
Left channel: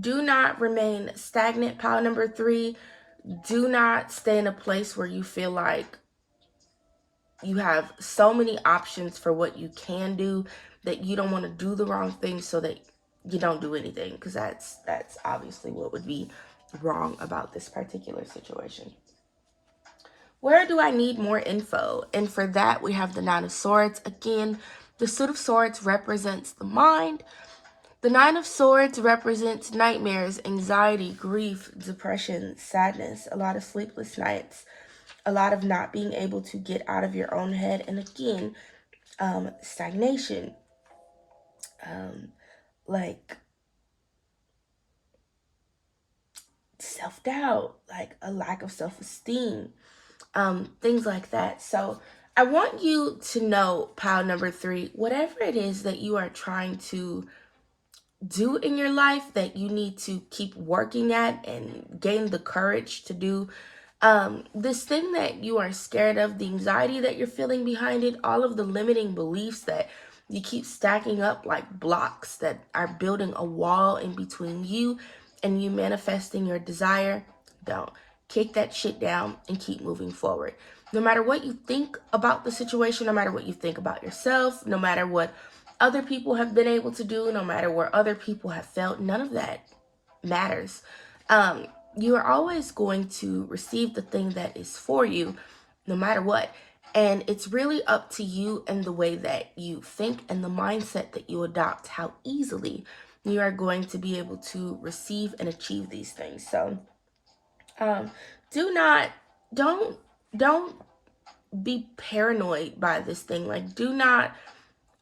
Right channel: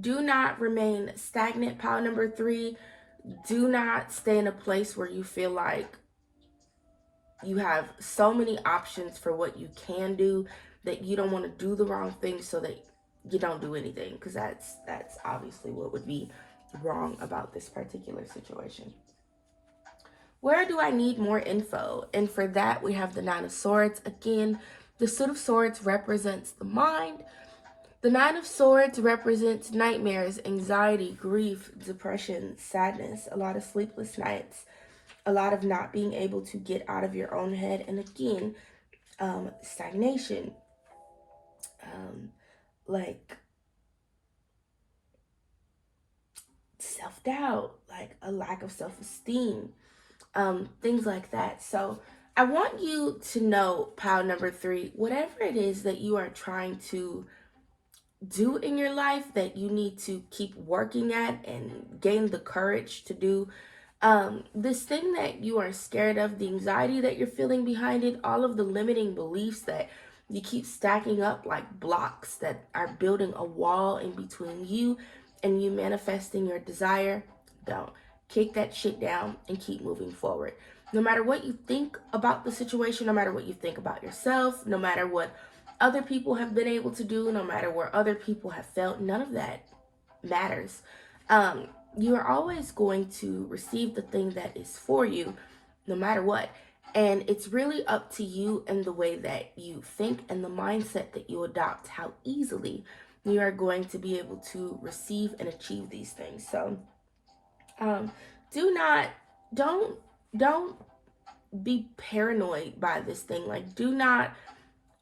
do not remain stagnant. Pile number 3, do not stay in a place where you feel like you have so many options for what you can do that you don't want to do the wrong thing so that you don't do anything, because that's obviously what would be wrong about this particular situation. Where do I need more info? And for that, we have the 9 of Swords. Again, the Suit of Swords represents the mind. The 9 of Swords represents nightmares, anxiety, grief, depression, sadness, a lot of sleepless nights, a lot of not being able to get out of your own head. And again, stagnation, like self-doubt, like a lack of self-esteem, things like that. So I want you to know, pile number 3, whatever it is that you are trying to do in your life that you need to keep working at and gain the courage to do, this thing that you are scared of, the anxiety that you're feeling behind it, all of the limiting beliefs that you keep stacking up like blocks that are building a wall in between you and you manifesting your desire, don't. Kick that shit down and keep moving forward. No matter what you think about the situation, no matter what you think about yourself, no matter what other people have been able to do, no matter where other people have felt, none of that matters. You are always going to receive the thing that is for you, no matter what. And it's really up to you and the way that you think and the mindset that you adopt, how easily you are going to be able to receive and achieve these things. So don't be paranoid by this thing. Like, do not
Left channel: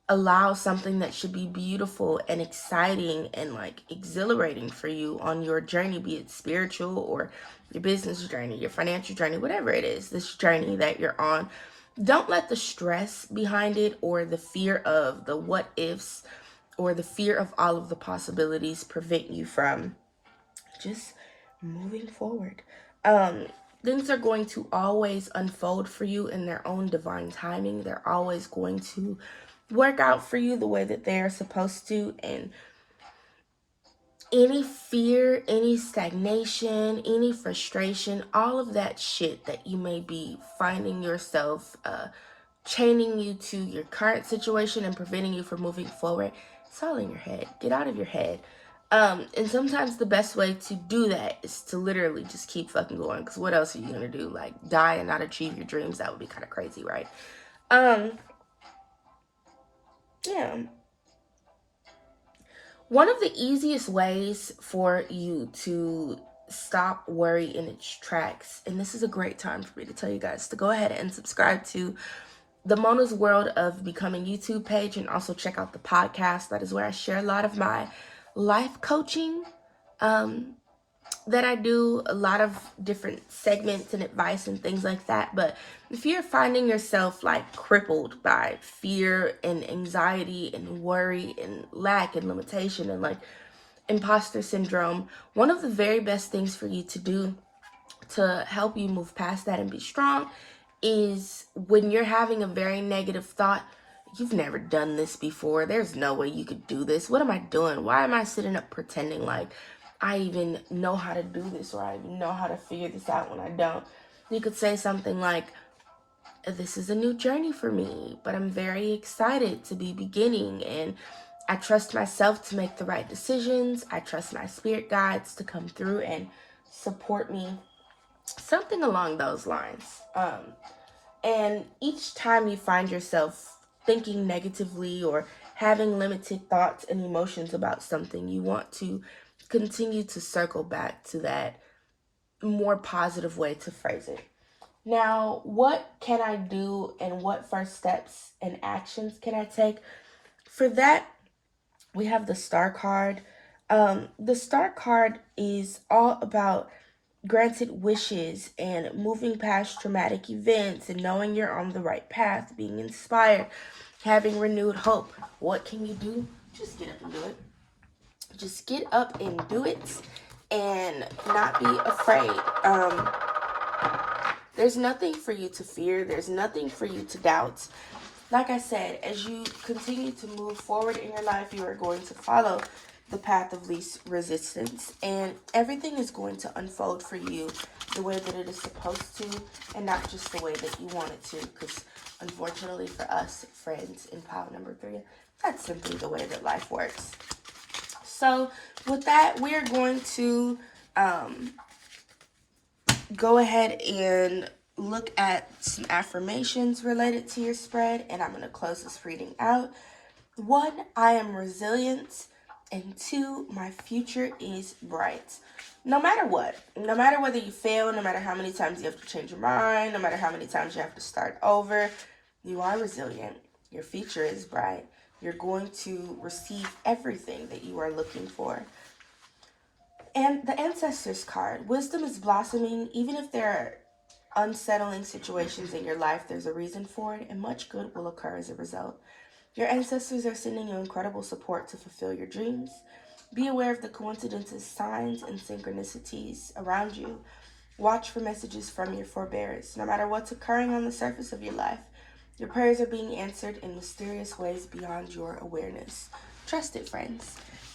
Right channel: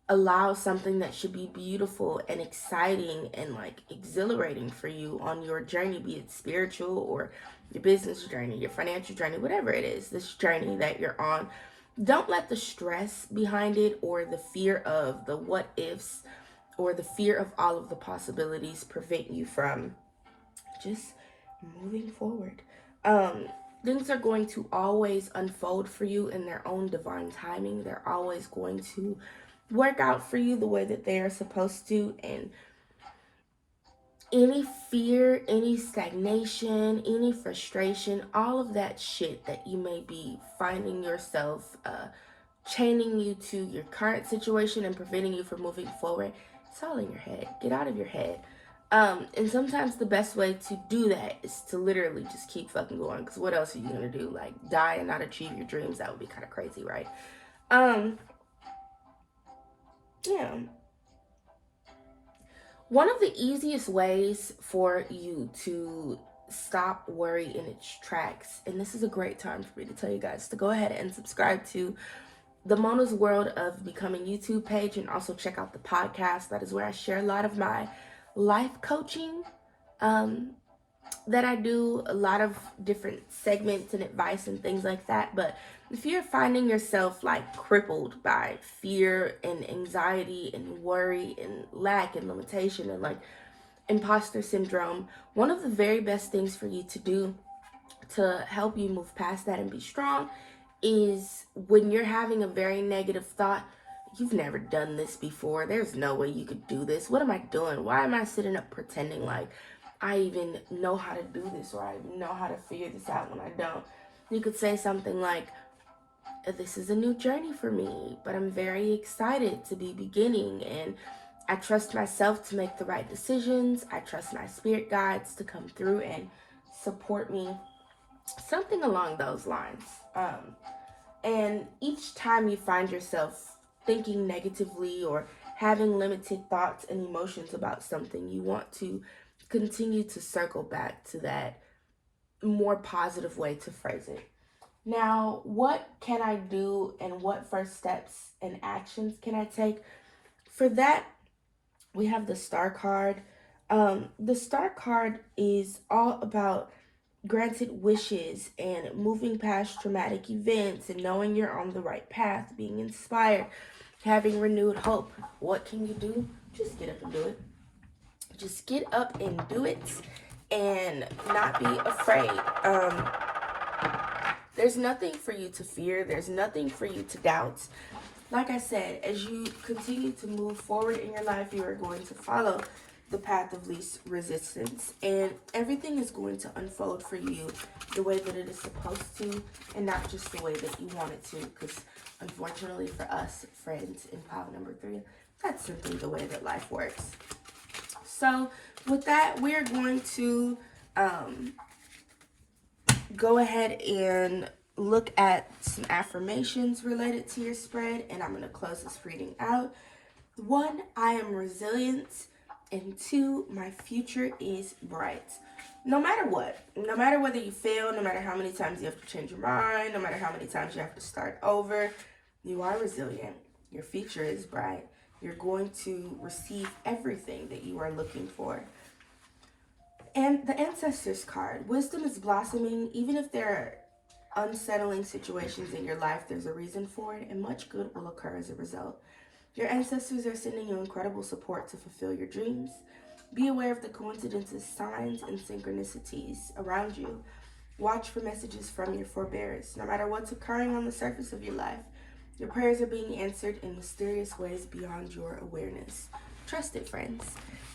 allow something that should be beautiful and exciting and like exhilarating for you on your journey, be it spiritual or your business journey, your financial journey, whatever it is, this journey that you're on. Don't let the stress behind it or the fear of the what ifs or the fear of all of the possibilities prevent you from just moving forward. Things are going to always unfold for you in their own divine timing. They're always going to work out for you the way that they are supposed to. And any fear, any stagnation, any frustration, all of that shit that you may be finding yourself chaining you to your current situation and preventing you from moving forward, it's all in your head. Get out of your head. And sometimes the best way to do that is to literally just keep fucking going. Because what else are you gonna do? Like, die and not achieve your dreams? That would be kind of crazy, right? Yeah. One of the easiest ways for you to stop worry in its tracks, and this is a great time for me to tell you guys to go ahead and subscribe to the Mona's World of Becoming YouTube page, and also check out the podcast. That is where I share a lot of my life coaching that I do, a lot of different segments and advice and things like that. But if you're finding yourself like crippled by fear and anxiety and worry and lack and limitation and like imposter syndrome, one of the very best things for you to do to help you move past that and be strong is when you're having a very negative thought. You've never done this before. There's no way you could do this. What am I doing? Why am I sitting up pretending like I even know how to do this, or I even know how to figure this out when I don't? You could say something like, this is a new journey for me, but I'm very excited to be beginning, and I trust myself to make the right decisions. I trust my spirit guides to come through and support me. Something along those lines. And each time you find yourself thinking negatively or having limited thoughts and emotions about something, you want to continue to circle back to that more positive way to phrase it. Now, what can I do, and what first steps and actions can I take? For that, we have the Star card. The Star card is all about granted wishes and moving past traumatic events and knowing you're on the right path, being inspired, having renewed hope. What can you do? Just get up and do it. Just get up and do it and not be afraid. There's nothing for you to fear. There's nothing for you to doubt. Like I said, as you continue to move forward in your life, you are going to follow the path of least resistance, and everything is going to unfold for you the way that it is supposed to, and not just the way that you want it to, because unfortunately for us, friends, in pile number 3, that's simply the way that life works. So with that, we're going to go ahead and look at some affirmations related to your spread, and I'm going to close this reading out. 1, I am resilient. And 2, my future is bright. No matter what, no matter whether you fail, no matter how many times you have to change your mind, no matter how many times you have to start over, you are resilient. Your future is bright. You're going to receive everything that you are looking for. And the Ancestors card, wisdom is blossoming. Even if there are unsettling situations in your life, there's a reason for it, and much good will occur as a result. Your ancestors are sending you incredible support to fulfill your dreams. Be aware of the coincidences, signs, and synchronicities around you. Watch for messages from your forebears. No matter what's occurring on the surface of your life, your prayers are being answered in mysterious ways beyond your awareness. Trust it, friends.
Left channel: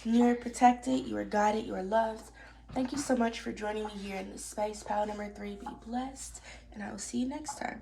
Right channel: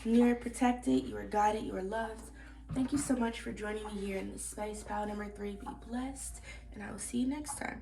You are protected, you are guided, you are loved. Thank you so much for joining me here in this space. Pile number 3, be blessed, and I will see you next time.